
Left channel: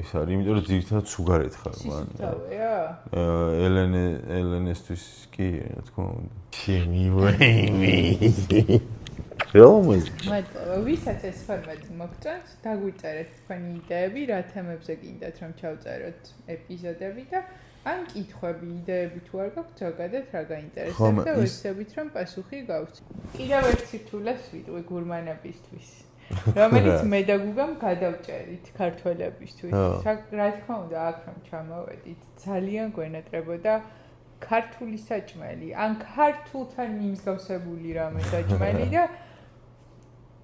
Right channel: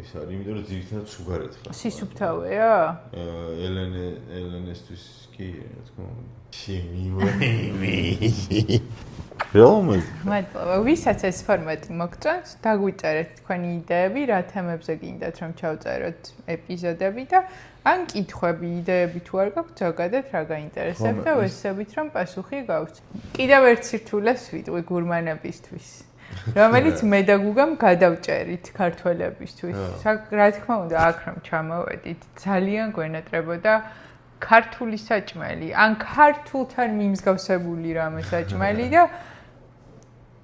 ის არის, იმიტომ რომ ძირითადად სუგარეთ ხარ. სისუფთავეა? ელენესთვის კი, რა თქმა უნდა. მადლობა. ვისაც ეს ფორმატი მოგწონს, დაგვიწერეთ თქვენი იდეები, რა თემებზე გინდათ რომ ჩავწეროთ ეპიზოდები და ან კითხვები, იდეები თუ არ გაქვთ, ზოგადად რა გაინტერესებთ და ვეცდებით რომ პასუხი გავცეთ. კიდევ ერთ სირთულეს ვიტყვი გურმანებისთვის, რომელიც მე და გუგამ გადავჭერით ქართველებისთვის. რა თქმა უნდა, აქ რომ ჩამოვედით, ძალიან გვენატრებოდა ქართული საჭმელი, ან ქართულთან მიმსგავსებული რამე საჭმელი და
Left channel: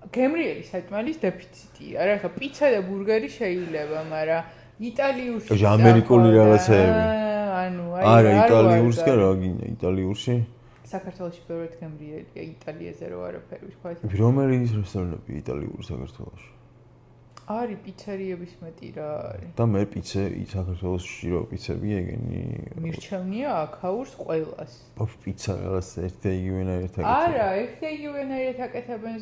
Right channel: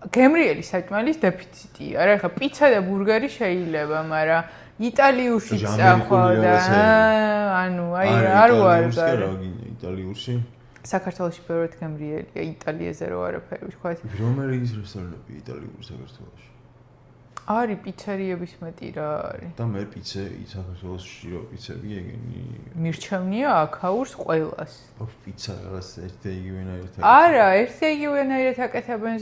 გემრიელი საჭმელის დეფიციტია. რა ხა პიცა და ბურგერი შეიძლება, მაგრამ იტალიურში ამერიკული რაღაცები. ანუ აი არ იტალიურში რა გინდა იტალიურში? საქართველოში ბევრად გემრიელია, იტალიაზე რო არაფერი ვთქვათ. რომელი რესტორანები იტალიური საქართველოში? არის პიცერიების მეტი რა არის. და მე საქართველოში რო პიცები ეგენი მირჩევნია აქაურს ყველას. პიცა რაღაც ერთ-იგივენაირად აკეთებენ. არა, ერთ-იგივენაირად აკეთებენ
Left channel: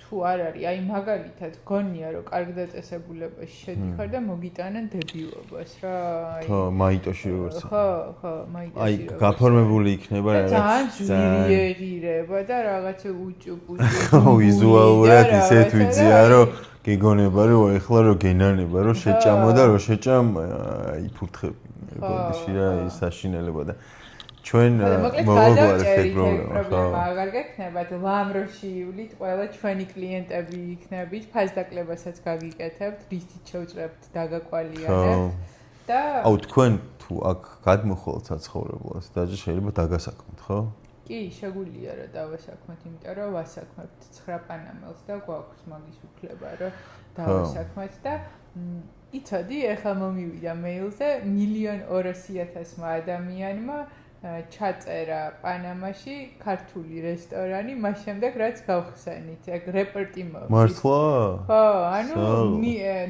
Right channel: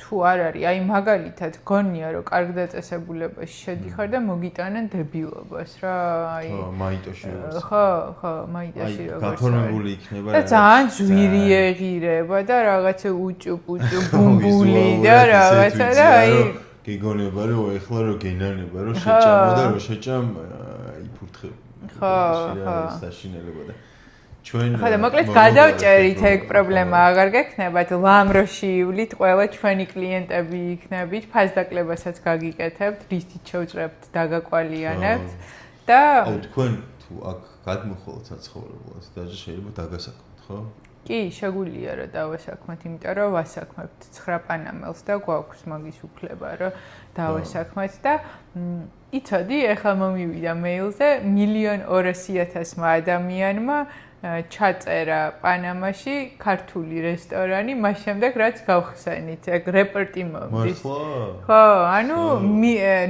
თუ არ არის, აი მაგალითად გონია რომ კარგ დაწესებულებაში შედიხარ და მოგიტანენ დებილობას რა, აი. ხო, მაიტოში როგორც. ხო, მაიტოში როგორც. აი, გაფორმებული იქნება რა. ძალიან ძვირი ეღირება და რაღაცა უჭუპუჭუ ბუმბული და რაღაცა და აი გიგონება რომ ეხლა რომ გენანება რომ შეჭამა და რომ შეჭამ იფურთხები. ხო, ეს საშინელება და ჩვენ ხოდა მოკლედ გადავჭერით ეგ პრობლემა აღარ გექნებათ ლამ რო შეივლით ყველა ჩვენი კლიენტები იქნებით ფასდაკლებასაც გაგიკეთებთ რითით შევჭრებთ დაგაკვალიანებთ და აუ თქვენ თუ აქ გადმოხვალთ საცხოვრებლად დაჟე შეიძლება დაგასაქმოთ ხო? კი, შეგვიძლია რა დავასაქმოთ, იმიტომ რომ ვასაქმებთ 9 პანამელს და გვაქვს მაგის უფლება რომ დავასაქმოთ და იცოდი, ეხლა მომივიდა მეილზე 1,200,000 ადამიანმა ჩაწერა პანამაში ქართული რესტორანი, მას შემდეგ რაც გავხსენით, ეგ რეპორტი მოდის. მართლა? ხო, ანუ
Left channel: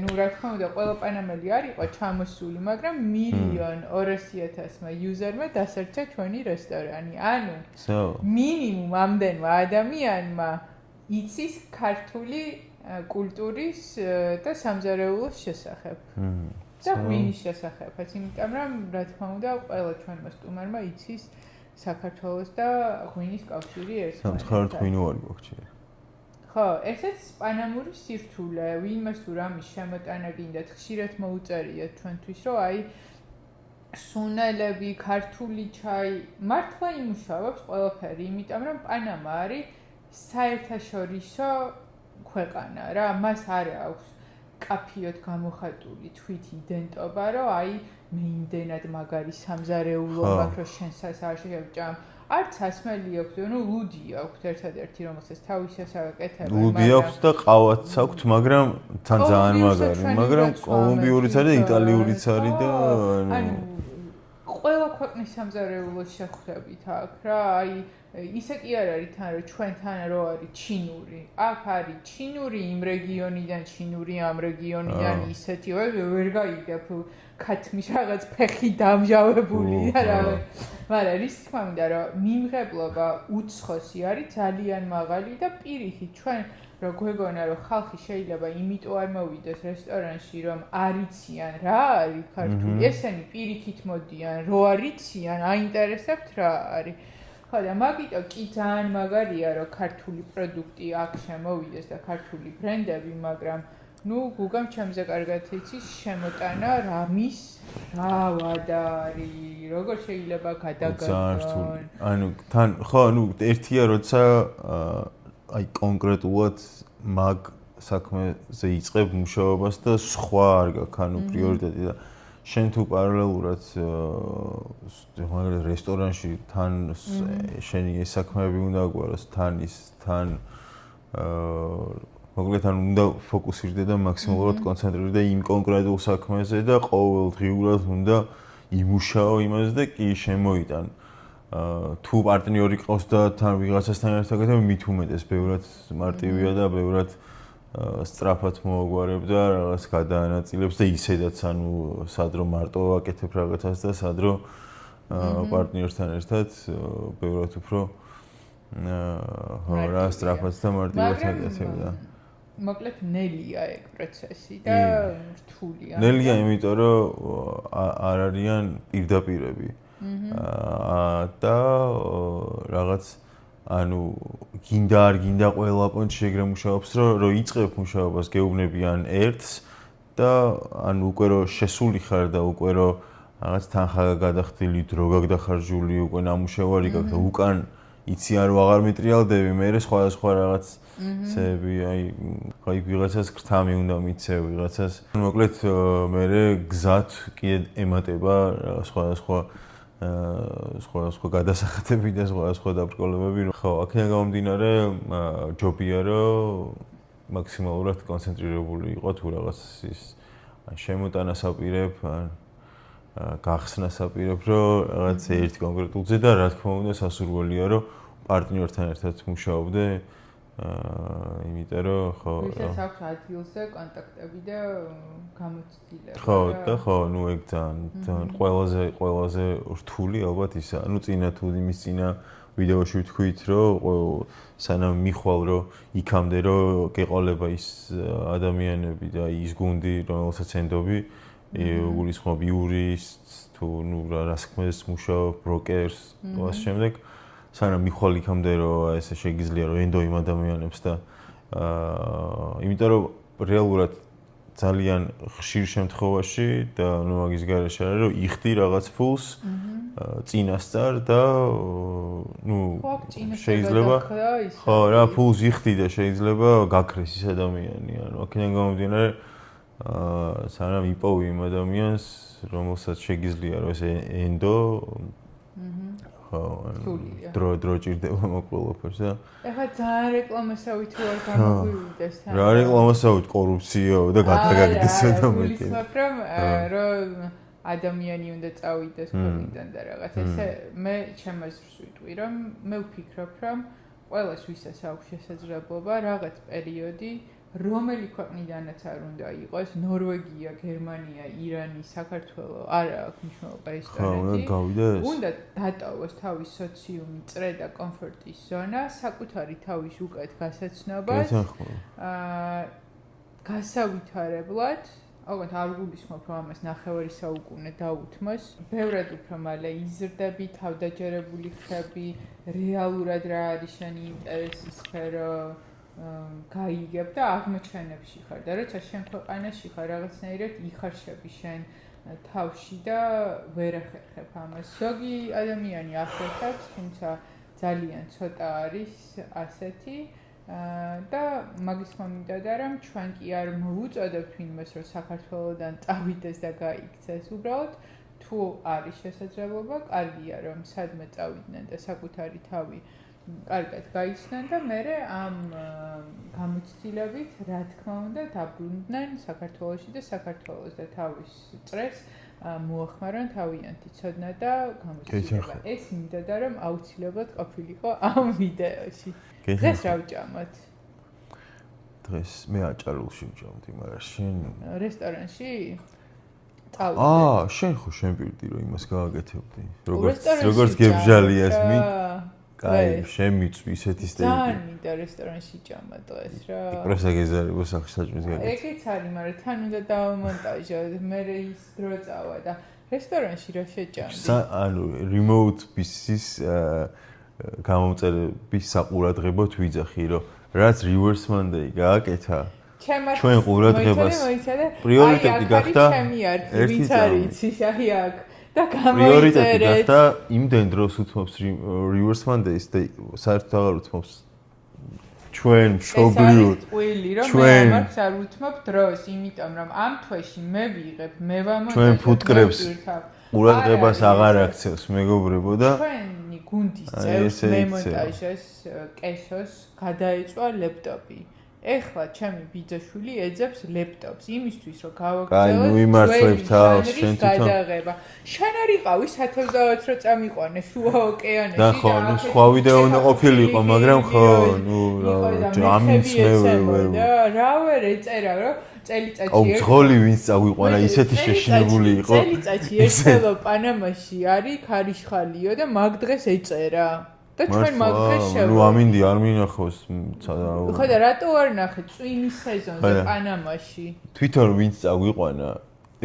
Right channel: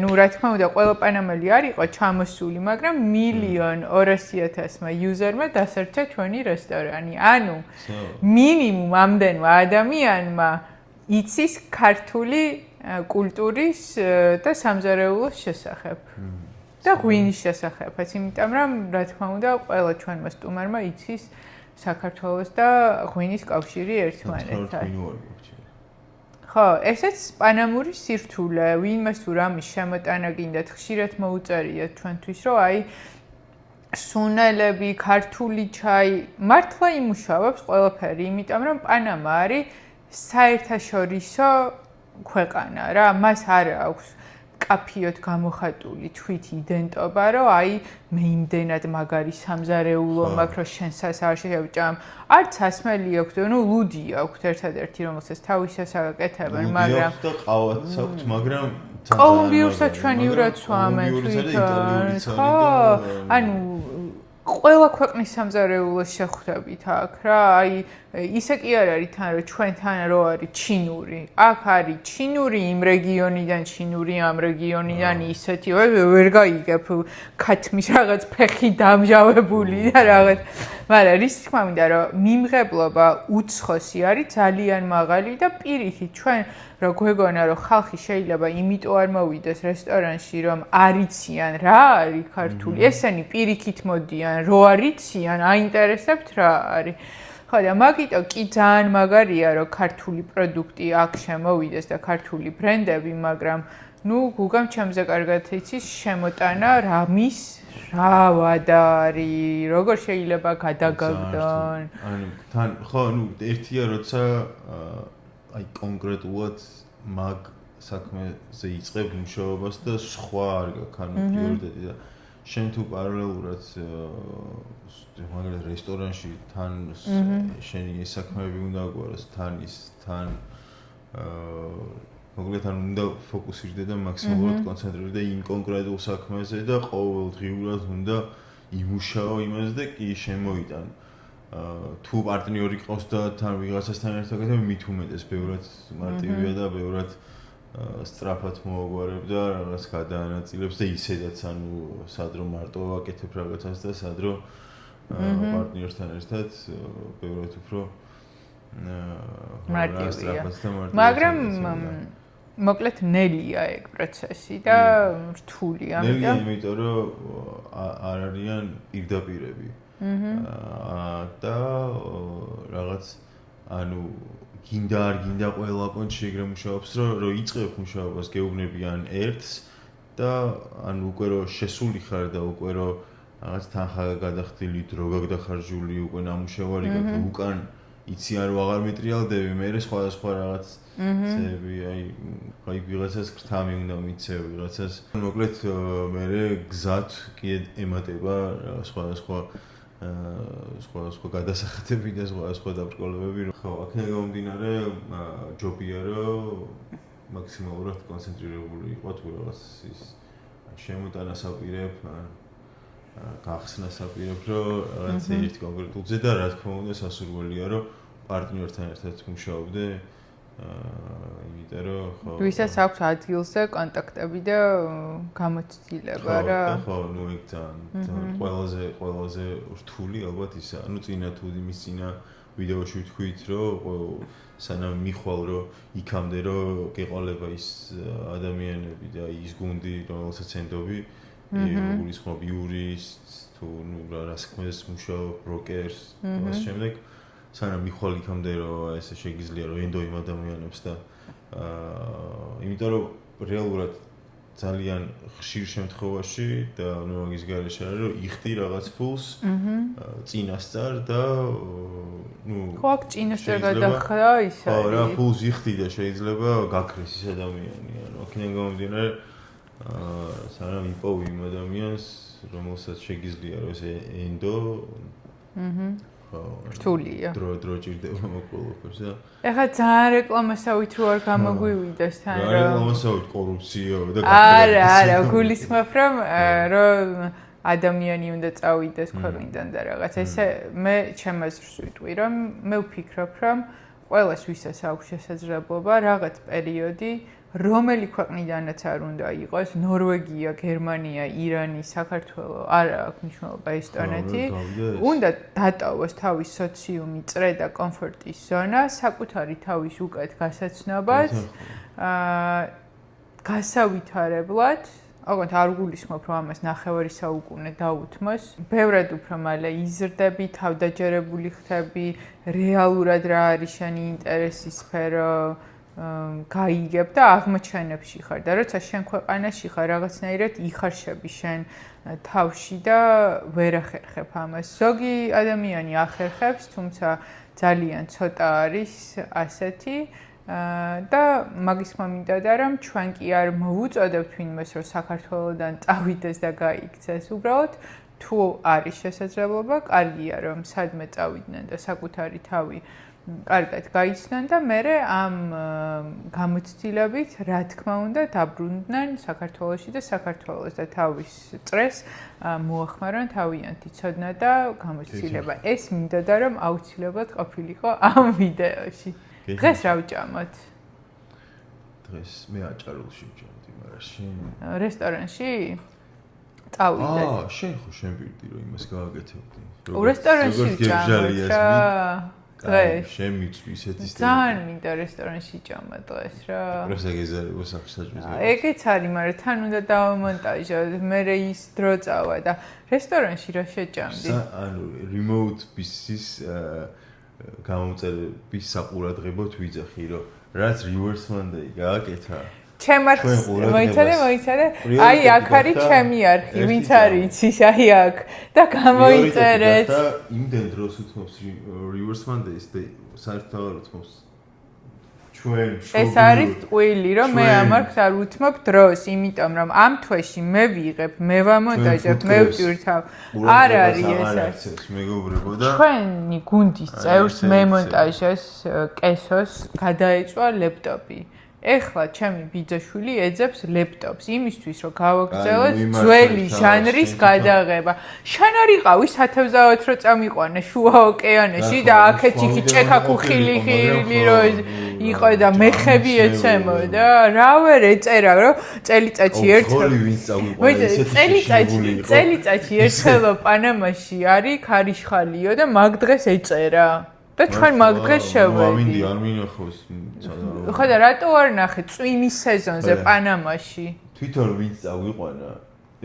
ნუ რა თქმა უნდა, ყველა პანამელი არ იყო ჩამოსული, მაგრამ 1,200,000-მა იუზერმა დასერჩა ჩვენი რესტორანი. ანუ მინიმუმ ამდენმა ადამიანმა იცის ქართული კულტურის და სამზარეულოს შესახებ. და ღვინის შესახებაც, იმიტომ რომ რა თქმა უნდა, ყველა ჩვენმა სტუმარმა იცის საქართველოს და ღვინის კავშირი ერთმანეთთან. ღვინო არ გვაქვს. ხო, ესეც პანამური სირთულე, ვინმეს თუ რამის შემოტანა გინდათ, ხშირად მოუწერიათ ჩვენთვის, რომ აი სუნელები, ქართული ჩაი, მართლა იმუშავებს ყველაფერი, იმიტომ რომ პანამა არის საერთაშორისო ქვეყანა რა, მას არ აქვს კაფიოთ გამოხატული თვით იდენტობა, რომ აი მე იმდენად მაგარი სამზარეულო მაქვს, რომ შენსაც არ შევჭამ. არც ასმელი აქვს, ნუ ლუდი აქვს ერთადერთი, რომელსაც თავისას აკეთებენ, მაგრამ ლუდი აქვს და ყავაც აქვს, მაგრამ თან ძალიან მაგარი. კოლუმბიურიც არის და იტალიურიც არის და ანუ ყველა ქვეყნის სამზარეულოს შეხვდებით აქ რა, აი ისე კი არ არის თან რომ ჩვენთან რო არის ჩინური. აქ არის ჩინური იმ რეგიონიდან, ჩინური ამ რეგიონიდან ისეთი, ვერ გაიგებ ქათმის რაღაც ფეხი დამჟავებული და რაღაც. მაგრამ რის თქმა უნდა რომ მიმღებლობა უცხოსი არის ძალიან მაღალი და პირიქით ჩვენ რა გვეგონა რომ ხალხი შეიძლება იმიტომ არ მოვიდეს რესტორანში რომ არიციან რა არის ქართული. ესენი პირიქით მოდიან, რო არიციან, აინტერესებთ რა არის. ხო და მაგიტო კი ძალიან მაგარია რომ ქართული პროდუქტი აქ შემოვიდეს და ქართული ბრენდები, მაგრამ ნუ გუგამ ჩემზე კარგად იცის შემოტანა რამის რა ვადა არის, როგორ შეიძლება გადაგაგდონ. ანუ თან ხო, ნუ ერთია როცა აი კონკრეტულად მაგ საქმეზე იწყებ მუშაობას და სხვა არ გაქვს ანუ პრიორიტეტი და შენ თუ პარალელურად მაგალითად რესტორანში თან შენი ეს საქმეები უნდა გვაროს თან მოკლედ ან უნდა ფოკუსირდე და მაქსიმალურად კონცენტრირდე იმ კონკრეტულ საქმეზე და ყოველდღიურად უნდა იმუშაო იმაზე და კი შემოიტან თუ პარტნიორი ყავს და თან ვიღაცასთან ერთად გეთებ მით უმეტეს ბევრად მარტივია და ბევრად სწრაფად მოაგვარებ და რაღაც გადაანაწილებს და ისედაც ანუ სადრო მარტო აკეთებ რაღაცას და სადრო პარტნიორთან ერთად ბევრად უფრო სწრაფად და მარტივად მაგრამ მოკლედ ნელია ეგ პროცესი და რთულია. ნელია იმიტომ რომ არ არიან პირდაპირები. და რაღაც ანუ გინდა არ გინდა ყველა პონჩი ეგრე მუშაობს რომ იწყებ მუშაობას გეუბნებიან ერთს და ანუ უკვე რომ შესული ხარ და უკვე რომ რაღაც თანხა გადახდილი დრო გაგდახარჯული უკვე ნამუშევარი გაქვს უკან იცი არ ვაღარ მეტრიალდები მე სხვა რაღაც ცები აი აი ვიღაცას გრთამი უნდა მიცევ ვიღაცას მოკლედ მე გზად კი ემატება სხვა გადასახადები და სხვა დაბრკოლებები. ხო, აქედან გამომდინარე, ჯობია რომ მაქსიმალურად კონცენტრირებული იყო თუ რაღაც ის შემოტანას აპირებ, გახსნას აპირებ, რომ რაღაც ერთი კონკრეტულზე და რა თქმა უნდა სასურველია რომ პარტნიორთან ერთად მუშაობდე. იმიტომ რომ ხო ვისაც აქვს ადგილზე კონტაქტები და გამოცდილება რა. ხო, ნუ ეგ ძალიან ყველაზე რთული ალბათ ისა. ნუ წინა თუ იმის წინა ვიდეოში ვთქვით რომ სანამ მიხვალ რომ იქამდე რომ გეყოლება ის ადამიანები და ის გუნდი რომელსაც ენდობი უგულისხმობ იურისტს თუ ნუ რა საქმეს მუშაობ ბროკერს და ამ შემდეგ სანამ მიხვალ იქამდე რომ ესე შეგიძლია რომ ენდო იმ ადამიანებს და იმიტომ რომ რეალურად ძალიან ხშირ შემთხვევაში და ნუ მაგის გარეშე არის რომ იხდი რაღაც ფულს წინასწარ და ნუ ხო აქ წინასწარ გადახრა ისე ხო რა ფულს იხდი და შეიძლება გაქრეს ის ადამიანი ანუ აქედან გამომდინარე სანამ იპოვი იმ ადამიანს რომელსაც შეგიძლია რომ ესე ენდო ხო რთულია დრო ჭირდება მოყოლაფერს და ეხლა ძალიან რეკლამასავით რო არ გამოგვივიდეს თან რა რეკლამასავით კორუფციაო და გაქრება არა გულისხმობ რომ ადამიანი უნდა წავიდეს ქვეყნიდან და რაღაც ესე მე ჩემს ვიტყვი რომ მე ვფიქრობ რომ ყველას ვისაც აქვს შესაძლებლობა რაღაც პერიოდი რომელი ქვეყნიდანაც არ უნდა იყოს ნორვეგია, გერმანია, ირანი, საქართველო, არა აქვს მნიშვნელობა ესტონეთი. უნდა დატოვოს თავის სოციუმი, წრე და კომფორტის ზონა, საკუთარი თავის უკეთ გასაცნობად, გასავითარებლად. ოღონდ არ გულისხმობ რომ ამას ნახევარი საუკუნე დაუთმოს. ბევრად უფრო მალე იზრდები, თავდაჯერებული ხები, რეალურად რა არის შენი ინტერესის სფერო გაიგებ და აღმოჩენებში ხარ და როცა შენ ქვეყანაში ხარ რაღაცნაირად იხარშები შენ თავში და ვერ ახერხებ ამას. ზოგი ადამიანი ახერხებს, თუმცა ძალიან ცოტა არის ასეთი და მაგის მომენტია რომ ჩვენ კი არ მოვუწოდებთ ვინმეს რომ საქართველოდან წავიდეს და გაიქცეს. უბრალოდ თუ არის შესაძლებლობა, კარგია რომ სადმე წავიდნენ და საკუთარი თავი კარგად გაიცნან და მე ამ გამოცდილებით რა თქმა უნდა დაბრუნდნენ საქართველოში და საქართველოს და თავის წრეს მოახმარონ თავიანთი ცოდნა და გამოცდილება. ეს მინდოდა რომ აუცილებლად ყოფილიყო ამ ვიდეოში. დღეს რა ვჭამოთ? დღეს მე აჭარულში ვჭამდი, მაგრამ შენ რესტორანში? წავიდე. შენ ხო შენ პირდი რომ იმას გააკეთებდი. როგორც გებჟალიას შენ მიწვი ისეთი სტილი. ძალიან მინდა რესტორანში ჭამა დღეს რა. პრესა გეზარება სახსაჭრის გაკეთება. ეგეც არის, მაგრამ თან უნდა დავამონტაჟო, მე ის დრო წავა და რესტორანში რა შეჭამდი? ანუ remote business გამომწერების საყურადღებოდ ვიძახი, რომ რაც reverse Monday გააკეთა ჩემს მოიცადე აი აქ არის ჩემი არქი ვინც არის იცის აი აქ და გამოიწერეთ და იმდენ დროს უთმობს reverse Mondays და საერთოდ აღარ უთმობს ჩვენ მშობლიურ ეს არის ტყუილი რომ მე ამარხს არ უთმობ დროს იმიტომ რომ ამ თვეში მე ვიღებ მე ვამონტაჟებ მე ვტვირთავ ყურადღებას აღარ აქცევს მეგობრებო და ჩვენი გუნდის წევრს მემონტაჟეს კესოს გადაეწვა ლეპტოპი ეხლა ჩემი ბიძაშვილი ეძებს ლეპტოპს იმისთვის რომ გავაგრძელოთ ძველი ჟანრის გადაღება. შენ არ იყავი სათევზაოდ რომ წამიყვანე შუა ოკეანეში და აქეთი ჭექა-ქუხილი იყო და მეხები ეცემოდა. რა ვერ ეწერა რომ წელიწადში ერთ ხოლი ვინც წავიყვანა ისეთი შეშინებული იყო. წელიწადში ერთხელ პანამაში არის ქარიშხალიო და მაგ დღეს ეწერა. და ჩვენ მაგ დღეს შევედი. ამინდი არ მინახავს. ხო და რატო არ ნახე წვიმის სეზონზე პანამაში? თვითონ ვინც წავიყვანა,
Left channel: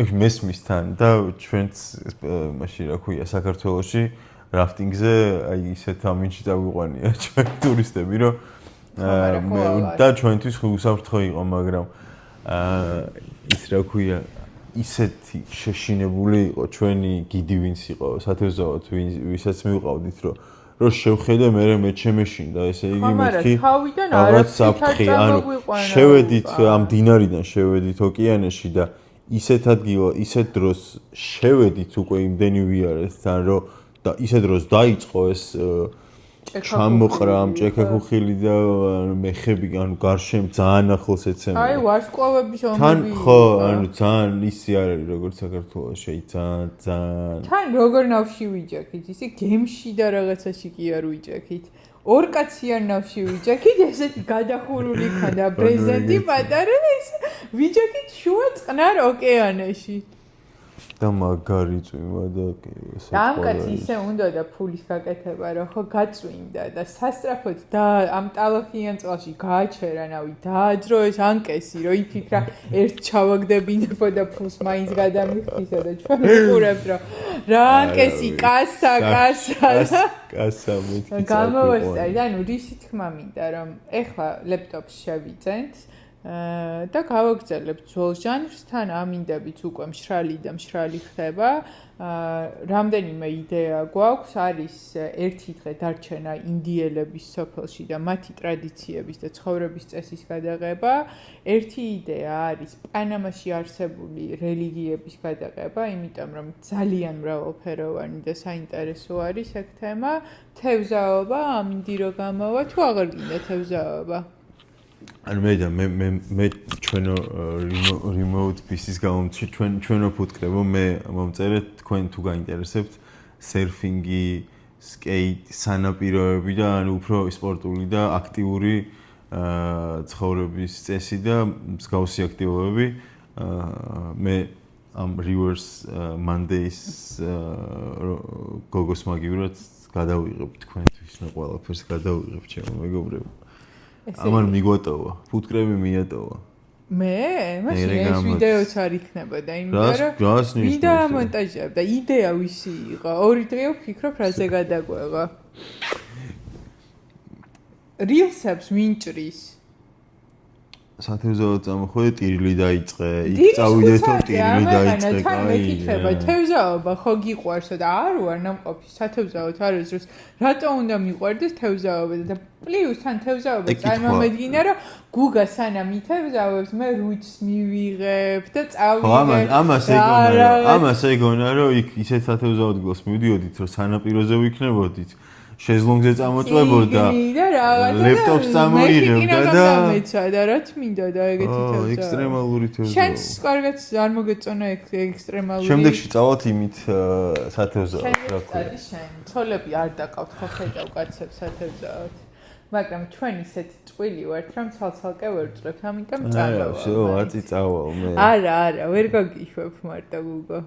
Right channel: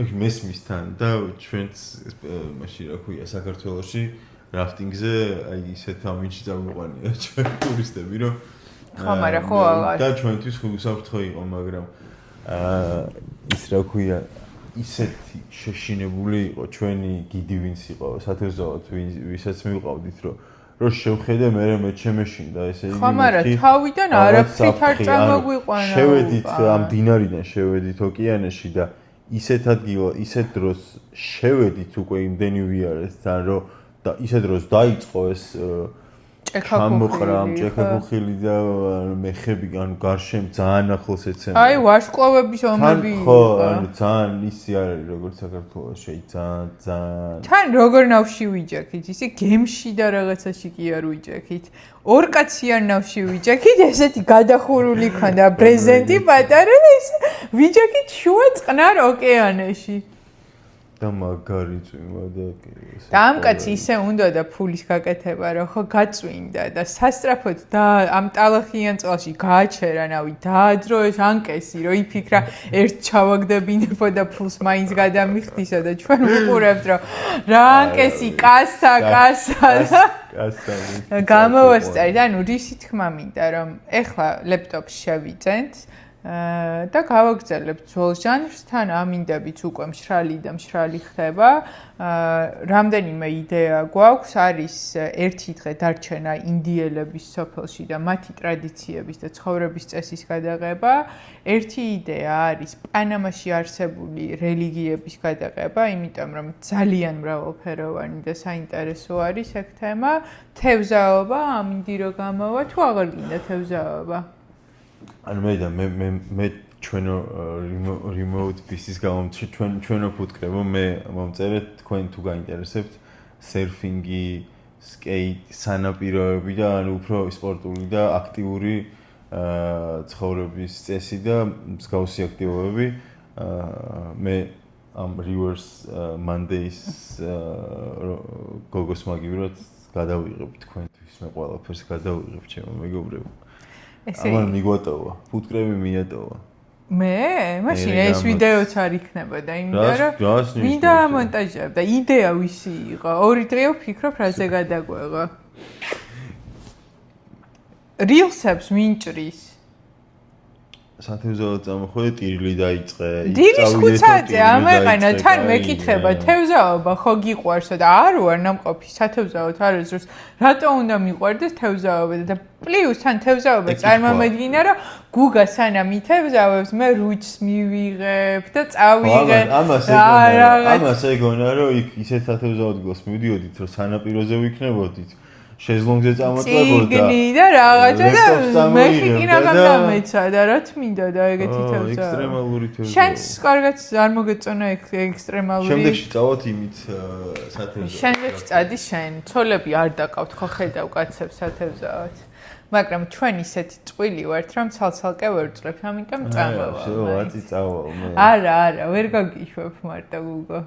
ეგ მესმისთან და ჩვენც მაშინ რა ქვია საქართველოში რაფტინგზე აი ისეთ ამინში წავიყვანია ჩვენ ტურისტები რომ და ჩვენთვის უსაფრთხო იყო, მაგრამ ის რა ქვია ისეთი შეშინებული იყო ჩვენი გიდი ვინც იყო სათევზაოდ ვისაც მივყავდით რომ შევხედე მე ჩემეშინდა ესე იგი მეთქი თავიდან არაფრით არ წამოგვიყვანა შევედით ამ დინარიდან შევედით ოკეანეში და ისეთ ადგილ ისეთ დროს შევედით უკვე იმდენი ვიარესთან რომ და ისეთ დროს დაიწყო ეს ჩამოყრა ჭექა-ქუხილი და მეხები ანუ გარშემო ძალიან ახლოს ეცემა აი ვარსკვლავების ომები ხო ანუ ძალიან ისი არ არის როგორც საქართველოში ძალიან თან როგორ ნავში ვიჯექით ისე გემში და რაღაცაში კი არ ვიჯექით ორ კაციან ნავში ვიჯექით ესეთი გადახურული ქონდა ბრეზენტი პატარა და ისე ვიჯექით შუა წყნარ ოკეანეში და მაგარი წვიმა და ესე ამ კაცი ისე უნდა და ფულის გაკეთება რომ ხო გაწვინდა და სასტრაფოდ და ამ ტალახიან წყალში გააჩერანავი დააძრო ეს ანკესი რომ იფიქრა ერთ ჩავაგდებინებო და ფულს მაინც გადამიხდისა და ჩვენ უყურებთ რომ რა ანკესი კასა გამოვასწარით ანუ რისი თქმა მინდა რომ ეხლა ლეპტოპს შევიძენთ და გავაგრძელებთ ძველ ჟანრს, თან ამინდებით უკვე მშრალი და მშრალი ხდება. რამდენიმე იდეა გვაქვს, არის ერთი დღე დარჩენა ინდიელების სოფელში და მათი ტრადიციების და ცხოვრების წესის გადაღება. ერთი იდეა არის პანამაში არსებული რელიგიების გადაღება, იმიტომ რომ ძალიან მრავალფეროვანი და საინტერესო არის ეგ თემა. თევზაობა, ამინდი რო გამოვა, თუ აღარ გინდა თევზაობა? ანუ მე ჩვენო remote business გამომწი ჩვენო ფუტკრებო მე მომწერეთ თქვენ თუ გაინტერესებთ სერფინგი, სკეიტ, სანაპიროები და ანუ უფრო სპორტული და აქტიური ცხოვრების წესი და მსგავსი აქტივობები მე ამ reverse Mondays გოგოს მაგივრად გადავიღებ თქვენთვის მე ყველაფერს გადავიღებ ჩემო მეგობრებო ამან მიგვატოვა, ფუტკრები მიატოვა. მაშინ ეს ვიდეოც არ იქნებოდა, იმიტომ რომ მინდა ამონტაჟებ და იდეა ვისი იყო? 2 დღე ვფიქრობ, რაზე გადაგვეღო. rilsებს ვინჭრის. სათევზაო წამოხვედი, ტირილი დაიწყე, წავიდეთ ამეყანა, თან მეკითხება, თევზაობა ხო გიყვარსო და არ ვარ ნამყოფი სათევზაოთ არის დროს, რატო უნდა მიყვარდეს თევზაობა და პლუს თან თევზაობა წარმომედგინა, რომ გუგა სანამ ითევზავებს, მე რუჩს მივიღებ და წავიღებ. ამას ეგონა, რომ იქ ისეთ სათევზაოდ გულს მივდიოდით, რომ სანაპიროზე ვიქნებოდით. შეზლონგზე წამოწლებოდა და რაღაცა და მე კიდევ გამეცა და რა თმინდა და ეგეთი თევზა ექსტრემალური თევზა შენს კარგად არ მოგეწონა ექსტრემალური შემდეგში წავალთ იმით სათევზაოდ შემდეგში წადი შენ ცოლები არ დაკავთ ხო ხედავ კაცებს სათევზაოდ მაგრამ ჩვენ ისეთი წყვილი ვართ რომ ცალ-ცალკე ვერ წვლებთ ამიტომ წავალ всё აწი წავალ მე არა ვერ გაგიშვებ მარტო გუგო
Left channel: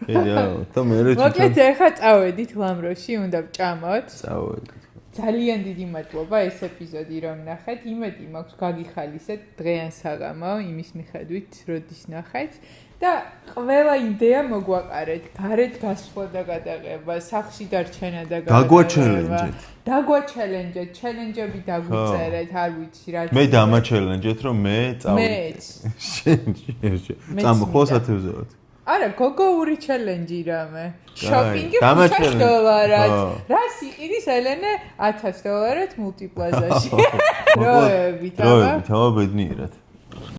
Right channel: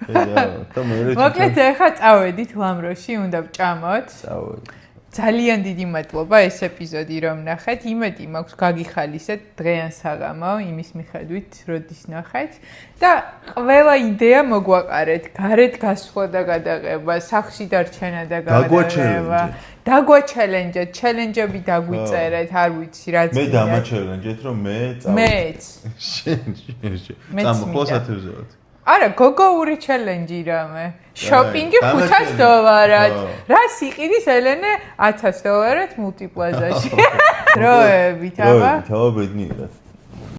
მოკლედ ახლა წავედით ლამროში, უნდა ვჭამოთ. წავედით. ძალიან დიდი მადლობა ეს ეპიზოდი რომ ნახეთ. იმედი მაქვს გაგიხალისეთ დღეან საღამო იმის მიხედვით, როდის ნახეთ და ყველა იდეა მოგვაყარეთ. გარეთ გასვლა და გადაღება, სახლში დარჩენა და გადაღება. დაგვაჩელენჯეთ, ჩელენჯები დაგვიწერეთ, არ ვიცი რა. მე დამაჩელენჯეთ რომ მე წავედი. მეც. წამოხვალ სათევზაოდ. არა, გოგოური ჩელენჯი რამე. შოპინგი $500. რას იყიდის ელენე $1000 მულტიპლაზაში. დროებით, აბა. დროებით, აბა ბედნიერად.